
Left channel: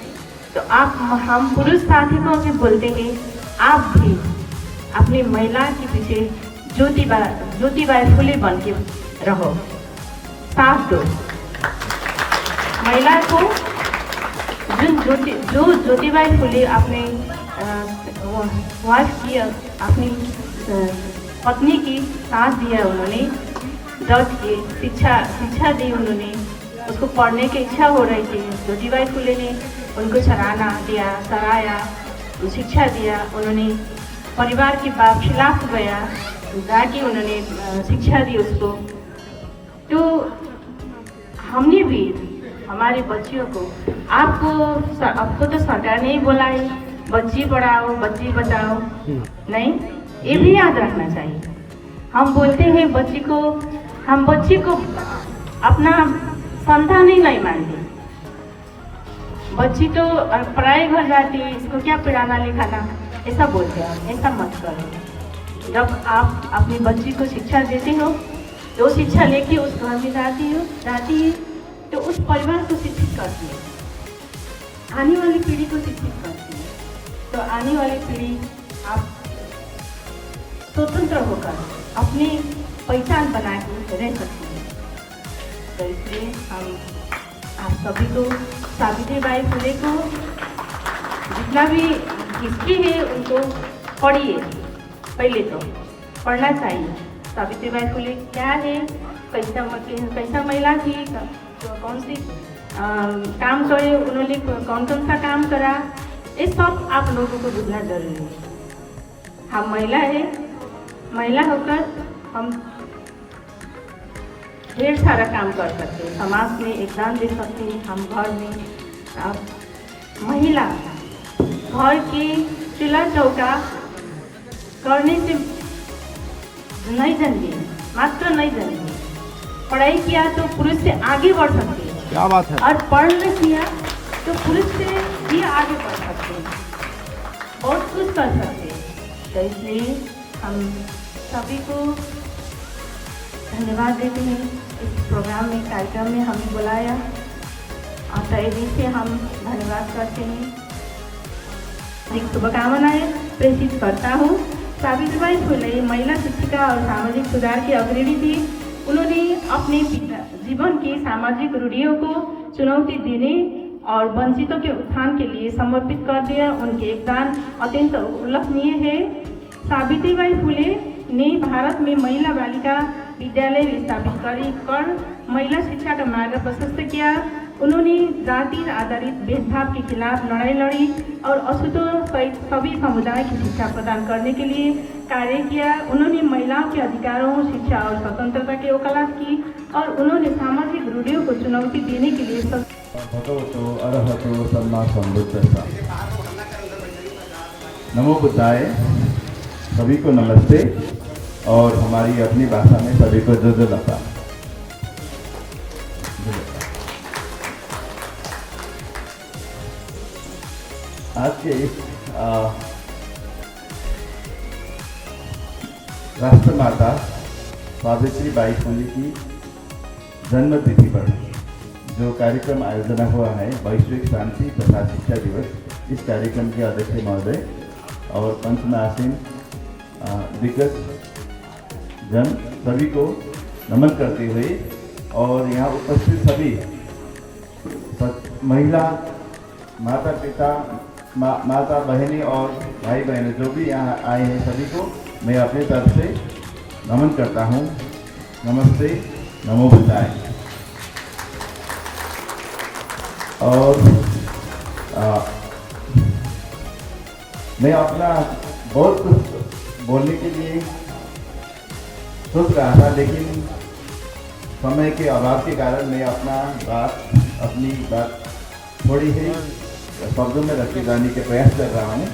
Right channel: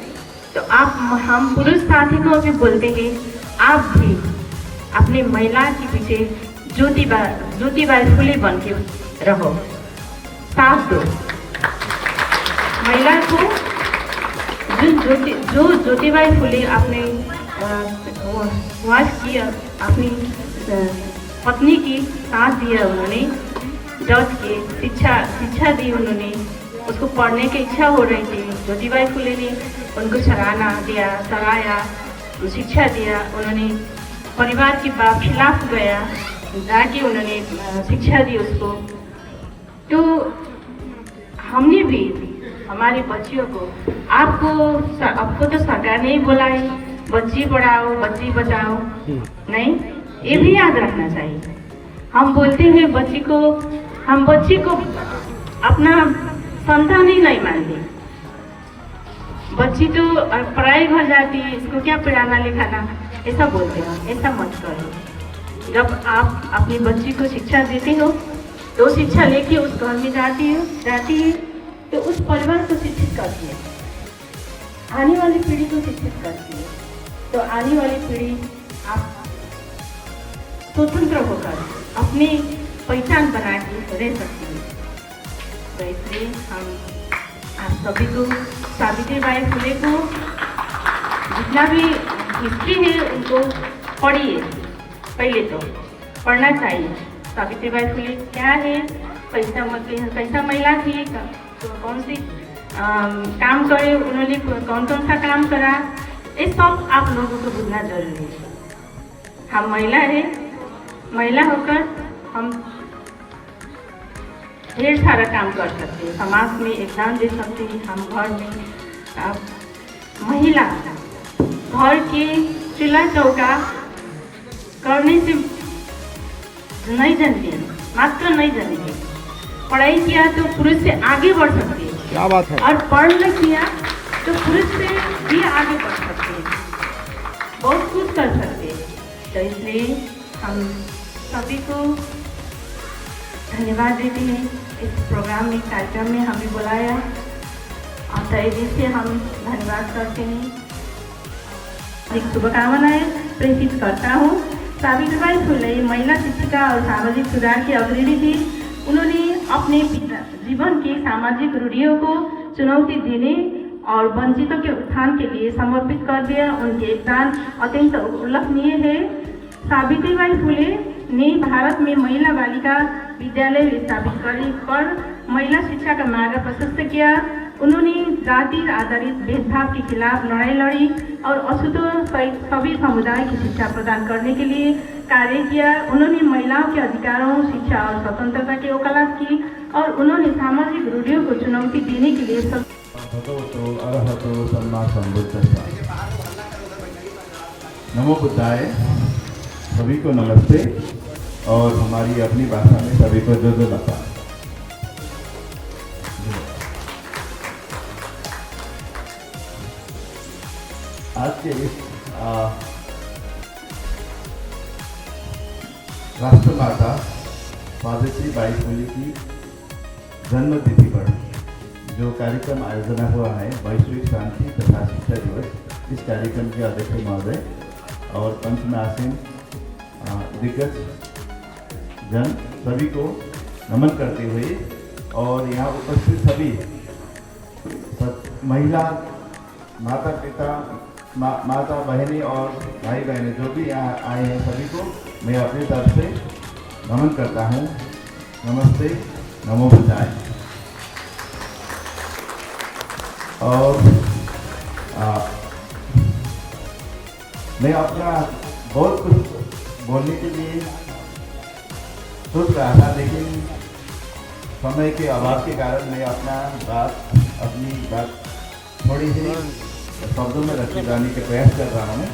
तो आप हम पुरुष साथी को भी बोलते हैं, आप भी अपनी महिला के पीछे ज्योतिबाई फुले बन के रहो, साथ दो महिला को। जो ज्योतिबाई फुले अपने वाइफ की, अपनी पत्नी की साथ दिया उन्होंने, डट के शिक्षा दी उन्होंने, उसको पढ़ने की इच्छा हो रही थी, ज्योतिबाई फुले ने उनको सराहाया, शिक्षा दिया उन्होंने, परिवार के खिलाफ गया, जाके उन्होंने शिक्षा दी उसको। तो हमने भी हमारी बच्चियों को, आपको तो सरकार ने ही बोला है बच्ची पढ़ाओ बच्ची बचाओ, नहीं, ये भी याद रखना चाहिए। हम बोलते हैं हम बच्ची को अपना संतान ही नहीं मानते, बच्ची तो पढ़ाई घर जाती है, इसको क्या पढ़ाना लिखाना, ऐसा बोलते हैं। ऐसा मत करो। जब आप अपनी बच्ची को शिक्षा देते हो तो शिक्षा लेके उस घर में जाती है तो उस परिवार को शिक्षित करती है, आने वाली पीढ़ी को शिक्षित करती है। तो आने वाली पीढ़ी आप स्वतंत्र होकर अपनी पहचान बना के रह सकती है। तो इसलिए हम आप सभी को सावित्री बाई फुले को जितना भी हिस्ट्री है उनको पढ़िए, पहले तो पढ़ना चाहिए। सावित्री बाई फुले क्या है, कैसा महिला थी, तो कौन सी काम करे उन्होंने, कौन सा काम करा, ये सब आप लोगों को बुझना जरूरी है। हम महिला है, महिला होकर हम ढेर सारा काम कर सकते हैं, समाज में योगदान दे सकते हैं। हम घर में महिला घर की चूल्हा चौका करने से नहीं जानती, मात्र नहीं जानती, पढ़ाई किया तो पुरुष से आगे बढ़ सकते हैं। क्या बात है। और पढ़ किया तो पुरुष से भी आगे बढ़ सकते हैं, बहुत कुछ कर सकते हैं। तो इसलिए हम सभी को धन्यवाद देते हैं इस प्रोग्राम में, कार्यक्रम में हमें बुलाया, और तहे दिल से हम धन्यवाद करते हैं। एक शुभकामनाएं प्रेषित करता हूँ। सावित्रीबाई फुले महिला शिक्षिका और सामाजिक सुधार की अग्रणी थी। उन्होंने अपने जीवन की सामाजिक रूढ़ियों को चुनौती देने और वंचितों के उत्थान के लिए समर्पित कर दिया। उनके योगदान अत्यंत उल्लेखनीय है। सावित्रीबाई फुले ने भारत में महिला बालिका विद्यालय स्थापित कर महिला शिक्षा का मार्ग प्रशस्त किया। उन्होंने जाति आधारित भेदभाव के खिलाफ लड़ाई लड़ी और अछूत सभी समुदाय की शिक्षा प्रदान करने के लिए कार्य किया। उन्होंने महिलाओं के अधिकारों, शिक्षा और स्वतंत्रता की वकालत की और उन्होंने सामाजिक रूढ़ियों को चुनौती देने के लिए भगवतो अरहतो सम्मा संबुद्धस्सा। नमो बुद्धाय। सभी को नमस्ते और हमारी अपनी भाषा में सभी को जो लता। आज के इस राष्ट्रमाता सावित्रीबाई फुले की जन्म तिथि पर जो कार्यक्रम आयोजना हुआ है, वैश्विक शांति तथा शिक्षा दिवस, इस कार्यक्रम के अध्यक्ष महोदय और पंच में आसीन दिग्गज जन सभी को नमन करते हुए और यहाँ उपस्थित सभी महिला माता पिता माता बहनें और भाई बहनें जो भी यहाँ आए हैं सभी को मैं अपनी तरफ से नमन करता हूँ। नमस्ते, नमो बुद्धाय। और मैं अपना बहुत कुछ बोलने के लिए सोच रहा था, लेकिन समय के अभाव के कारण मैं अपनी बात थोड़ी ही शब्दों में रखे जाने के प्रयास कर रहा हूँ।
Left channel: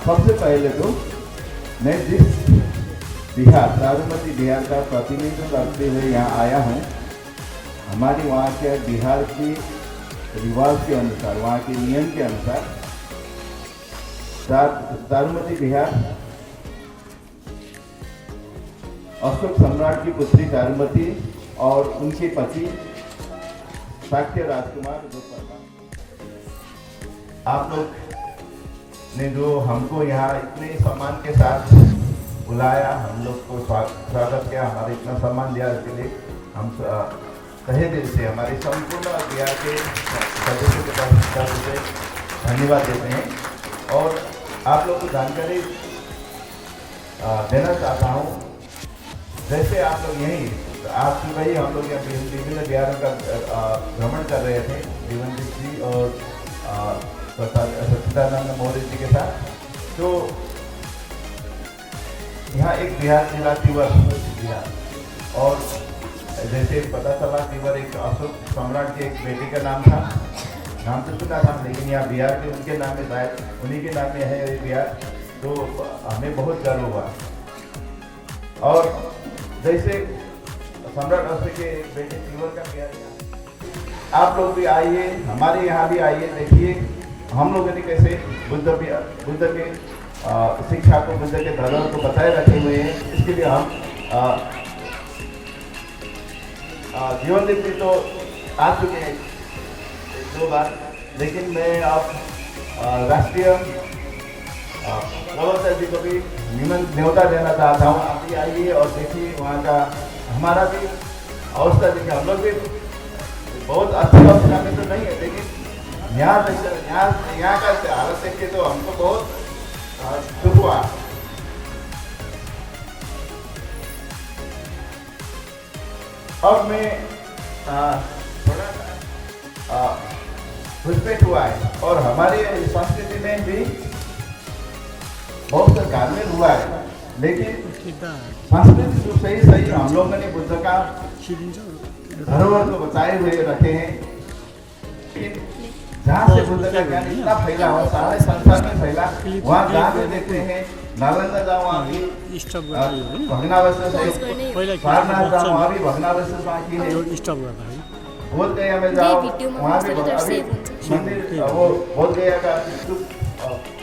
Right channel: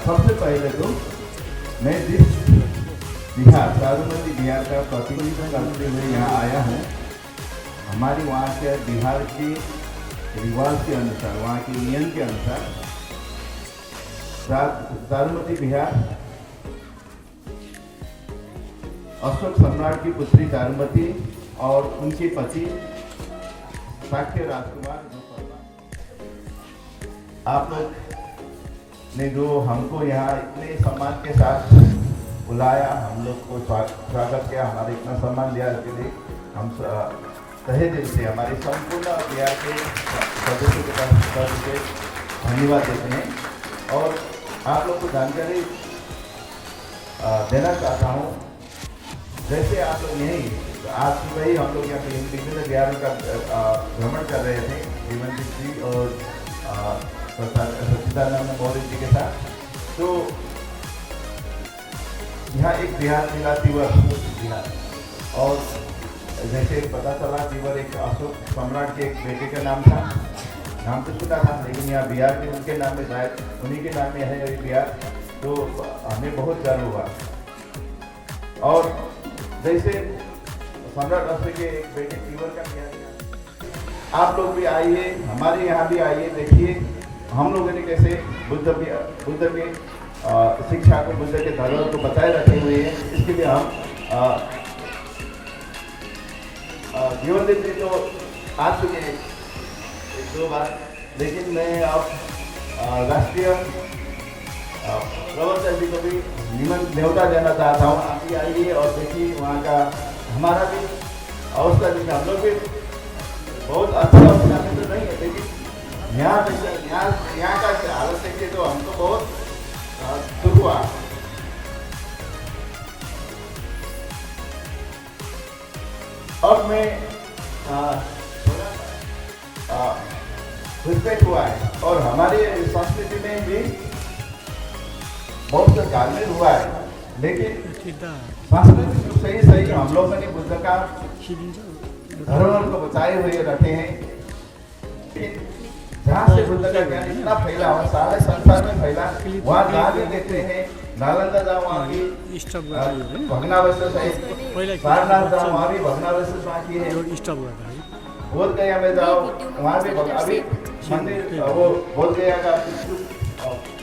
सबसे पहले तो मैं जिस बिहार साबरमती बिहार का प्रतिनिधित्व करते हुए यहाँ आया हूँ, हमारी वहाँ के बिहार के रिवाज के अनुसार, वहाँ के नियम के अनुसार साबरमती बिहार अशोक सम्राट की पुत्री साबरमती और उनके पति शाक्य राजकुमार जो आप लोग ने जो हमको यहाँ इतने सम्मान के साथ बुलाया, हम लोग को स्वागत किया, हमारे इतना सम्मान दिया, इसके लिए हम तहे दिल से हमारे संपूर्ण बिहार के सदस्यों के तरफ से धन्यवाद देते हैं। और आप लोग को जानकारी देना चाहता हूँ, जैसे आप लोग यहीं आज सुबह ही हम लोग यहाँ विभिन्न बिहारों का भ्रमण कर रहे थे जीवनदीप जी और सच्चिदानंद मौर्य जी के साथ। तो यहाँ एक बिहार जिला तिवर बिहार, और जैसे पता चला तिवर एक अशोक सम्राट के एक बेटे का नाम था, नाम तो सुना था, लेकिन यहाँ बिहार के उनके नाम में शायद उन्हीं के नाम में है ये बिहार, तो हमें बहुत गर्व हुआ। और जैसे सम्राट अशोक के बेटे तिवर का बिहार, आप लोग भी आइए, हमारे यहाँ भी आइए, देखिए हम लोगों ने कैसे बुद्ध के शिक्षा को, बुद्ध के धर्म को बताए रखे हुए हैं। इसके लिए हम जीवनदीप जी तो आ चुके हैं एक दो बार, लेकिन मैं अब राष्ट्रीय प्रवक्ता जी को भी न्योता देना चाहता हूँ। आप भी आइए और देखिए वहाँ का हमारा भी अवस्था देखिए। हम लोग भी बहुत अच्छी अवस्था में तो नहीं है, लेकिन यहाँ का हालत देख के तो हमको बहुत दुख हुआ। अब मैं थोड़ा घुसपैठ हुआ है और हमारे संस्कृति में भी बहुत सा कार्य हुआ है, लेकिन सांस्कृतिक रूप से ही सही हम लोगों ने बुद्ध का धरोहर को बचाए हुए रखे हैं। जहाँ से बुद्ध का ज्ञान इतना फैला हुआ सारे संसार में फैला, वहाँ जहाँ देखते हैं नालंदा जाओ वहाँ की भग्नावशेष है, सारनाथ जाओ वहाँ भी भग्नावशेष बाकी है, बोध गया में जाओ वहाँ भी अभी मंदिर वो बोध गया का स्तूप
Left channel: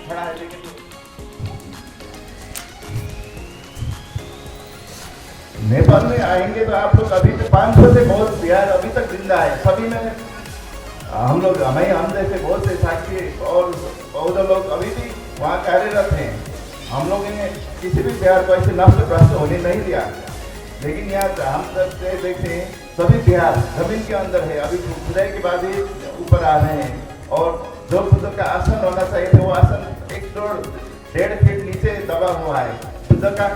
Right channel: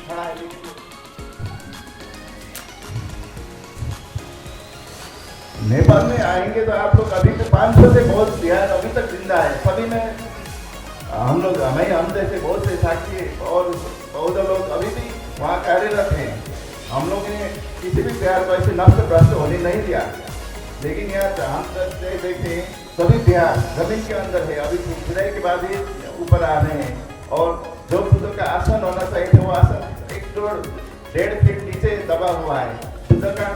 खड़ा है। नेपाल में आएंगे तो आप लोग अभी तो 500 से बहुत बिहार अभी तक जिंदा है, सभी में हम लोग हम जैसे बहुत से साक्षी और बौद्ध लोग अभी भी वहाँ कार्यरत हैं। हम लोगों ने किसी भी बिहार को ऐसे नष्ट भ्रष्ट होने नहीं दिया, लेकिन यहाँ हम देखते हैं सभी बिहार जमीन के अंदर है, अभी खुदाई के बाद ही ऊपर आ रहे हैं। और जो बुद्ध का आसन होना चाहिए था वो आसन 1-1.5 फीट नीचे दबा हुआ है, बुद्ध का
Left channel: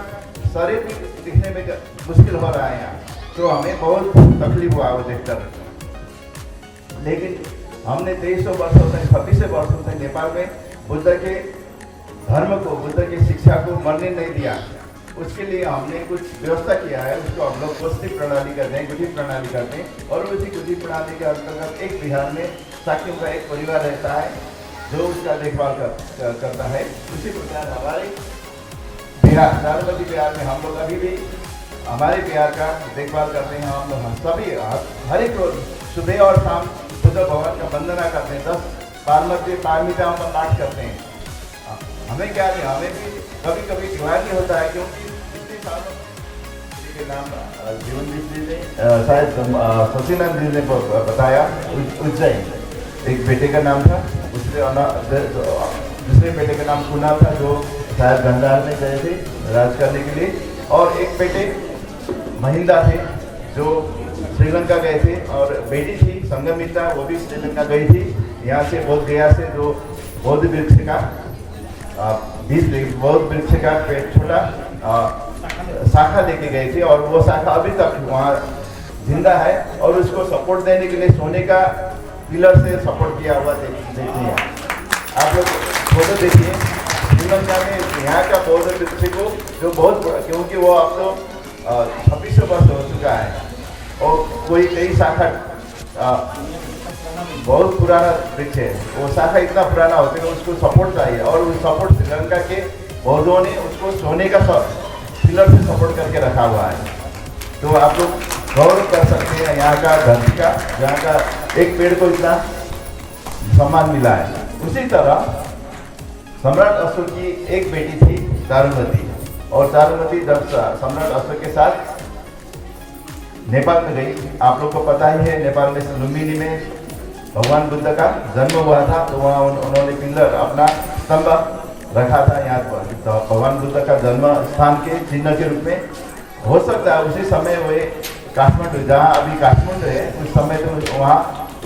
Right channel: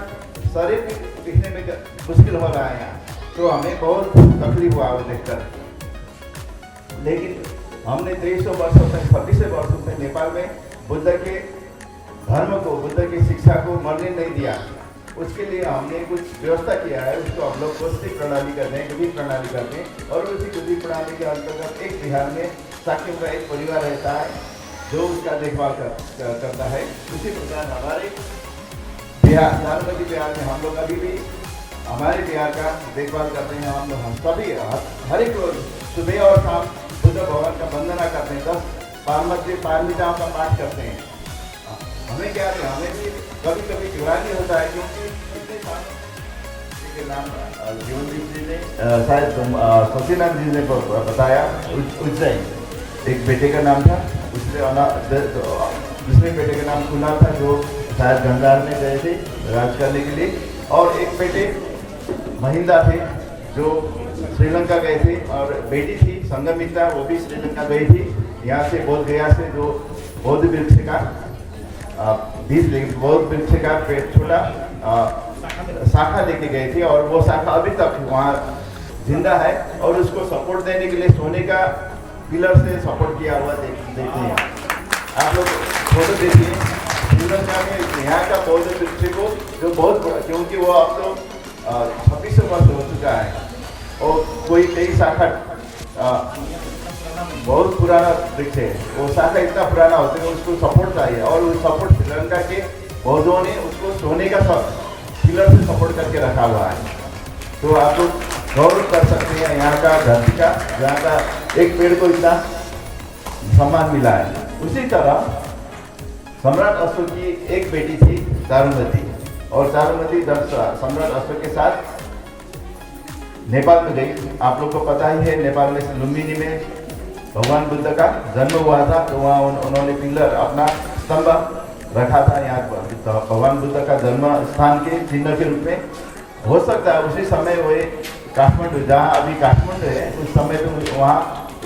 शरीर भी दिखने में मुश्किल हो रहा है यहाँ, तो हमें बहुत तकलीफ हुआ वो देखकर। लेकिन हमने 2300 वर्षों से 2600 वर्षों से नेपाल में बुद्ध के धर्म को, बुद्ध की शिक्षा को मरने नहीं दिया। उसके लिए हमने कुछ व्यवस्था किया है, उसको हम लोग गोष्ठी प्रणाली करते हैं, गति प्रणाली करते हैं। और उसी गति प्रणाली के अंतर्गत एक बिहार में साखियों का एक परिवार रहता है जो उसका देखभाल करता है। उसी प्रकार हमारे बिहार साबरमती बिहार में हम लोग अभी भी हमारे बिहार का देखभाल करते हैं। हम लोग सभी हर एक रोज सुबह और शाम बुद्ध भगवान का वंदना करते हैं, 10 पारमिताओं का पाठ करते हैं। हमें क्या नहीं, हमें भी कभी कभी दिवाली होता है, क्योंकि कितने सालों के नाम जीवनदीप जी ने शायद सचिनाथ जी ने बताया, उज्जैन एक बेटे का नाम था, दूसरे बेटे का नाम कुना था जो शायद गंधार में गए थे राज करने के लिए, और एक बेटे महिंदा थे जो श्रीलंका गए थे, और बेटी थी संगमिता वो भी श्रीलंका गई थी। यहाँ से बोध गया से जो बौद्ध वृक्ष का बौद्ध वृक्ष का पेड़ छोटा शाखा लेके गए थे, और वो शाखा अभी तक वहाँ जिंदा है। और उसको सपोर्ट देने के लिए सोने का पिलर से सपोर्ट किया हुआ देखिए आप लोग फोटो देखिए। श्रीलंका में यहाँ का बौद्ध वृक्ष को जो बहुत बड़ा, क्योंकि वो अब तो 2600 वर्ष हो चुका है, और कोई कई शाखा बहुत पुराना वृक्ष है, वो शाखा इतना पुराना होता है उसको सपोर्ट चाहिए, और उस सपोर्ट श्रीलंका के बौद्धों ने उसको सोने का पिलर से सपोर्ट करके रखा हुआ है। तो आप लोग गौरव कर सकते हैं यहाँ का धरती का, जहाँ का एक पेड़ को इतना सम्मान मिला है। उसी तरह सम्राट अशोक की एक बेटी थी चारुमती, और चारुमती जब सम्राट अशोक के साथ नेपाल में गई, आप लोग को पता ही है नेपाल में लुम्बिनी में भगवान बुद्ध का जन्म हुआ था, तो वहाँ उन्होंने पिलर अपना स्तंभ रखा था यहाँ पर, तो भगवान बुद्ध का जन्म स्थान के चिन्ह के रूप में। हो सकता है उसी समय वो काठमांडू, जहाँ अभी काठमांडू है, उस समय तो वहाँ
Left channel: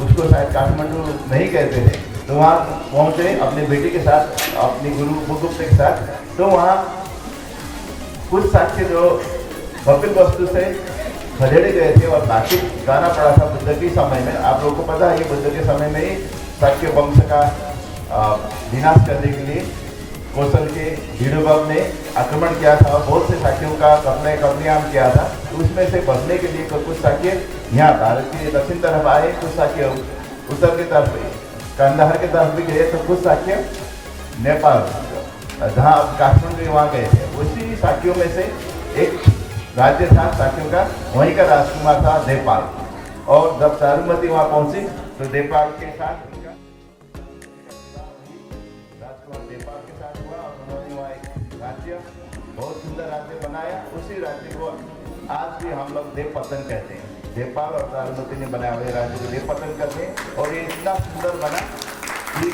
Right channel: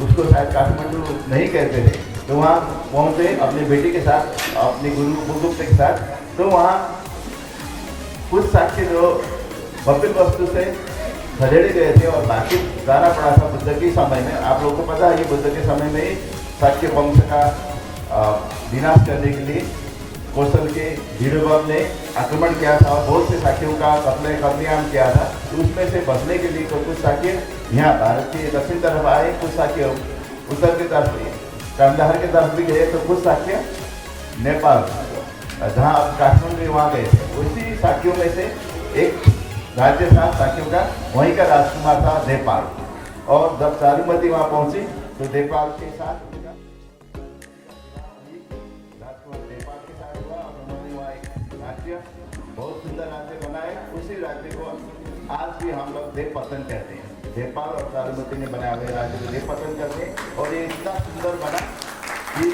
उसको शायद काठमांडू नहीं कहते थे, तो वहाँ पहुँचे अपने बेटे के साथ, अपने गुरु बुद्धगुप्त के साथ। तो वहाँ कुछ साक्ष्य जो कपिल वस्तु से खदेड़े गए थे और बाकी जाना पड़ा था बुद्ध के समय में। आप लोगों को पता है बुद्ध के समय में ही शाक्य वंश का विनाश करने के लिए कौशल के भीड़ुबम ने आक्रमण किया था और बहुत से साक्यों का कत्लेआम किया था। तो उसमें से बचने के लिए कुछ साक्य यहाँ भारत के दक्षिण तरफ आए, कुछ साक्य उत्तर की तरफ कंधार की तरफ भी गए, तो कुछ साक्य नेपाल जहाँ अब काठमांडू वहाँ गए थे। उसी साक्यों में से एक राज्य था साक्यों का, वहीं का राजकुमार था देवपाल। और जब चारुमती वहाँ पहुंची तो देवपाल के साथ उनका राजकुमार देवपाल के साथ हुआ, और उन्होंने वहाँ एक राज्य, बहुत सुंदर राज्य बनाया। उसी राज्य को आज भी हम लोग देवपतन कहते हैं। देवपाल और चारुमती ने बनाया हुए राज्य को देवपतन कहते हैं, और ये इतना सुंदर बना कि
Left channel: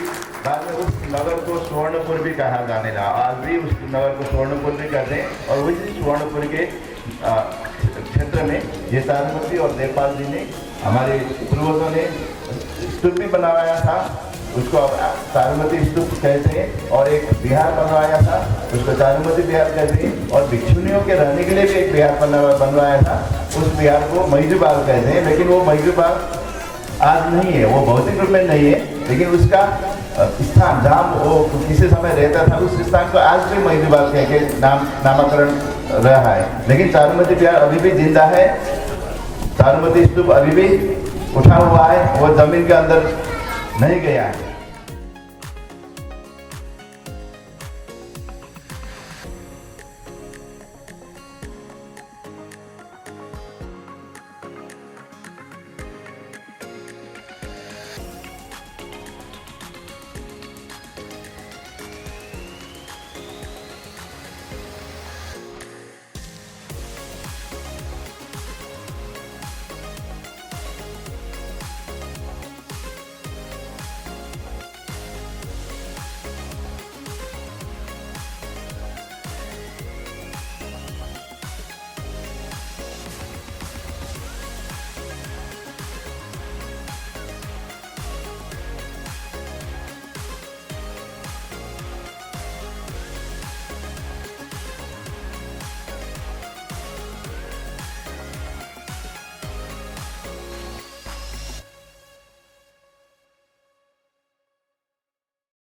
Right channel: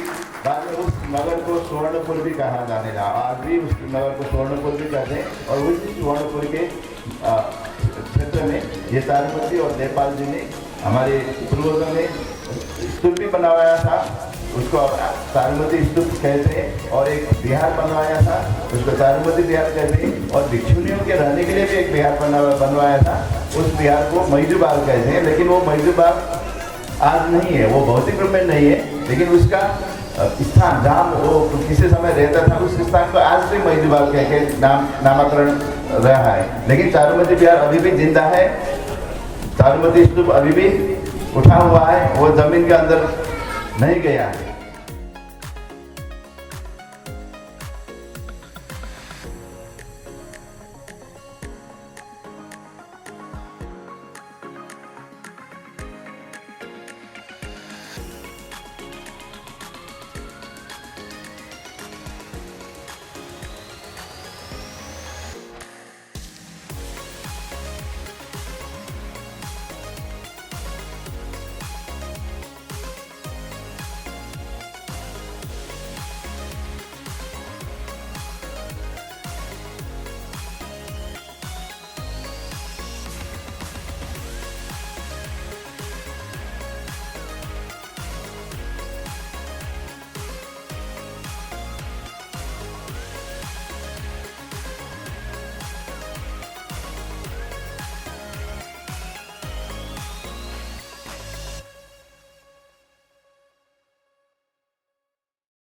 बाद में उस नगर को सुवर्णपुर भी कहा जाने लगा। आज भी उस नगर को सुवर्णपुर भी कहते हैं। और उसी सुवर्णपुर के क्षेत्र में ये चारुमती और देवपाल जी ने, हमारे पूर्वजों ने स्तूप भी बनवाया था, उसको अब चारुमती स्तूप कहते हैं। और एक बिहार बनवाया था, उसको चारुमती बिहार कहते हैं। और भिक्षुनियों के रहने के लिए भी एक बिहार बनवाया था, उस बिहार को मैजूबाग कहते हैं। लेकिन वो मैजूबाग आज नहीं है, वो भौतिक रूप में नहीं है, लेकिन उसका स्थान जहाँ वो किसी समय रहता था उस स्थान को आज भी मैजूबाग कह के नामकरण रहा है। लेकिन चारुमती बिहार अभी भी जिंदा है, चारुमती स्तूप अभी भी उठा हुआ है, वो जमीन के अंदर नहीं गया है।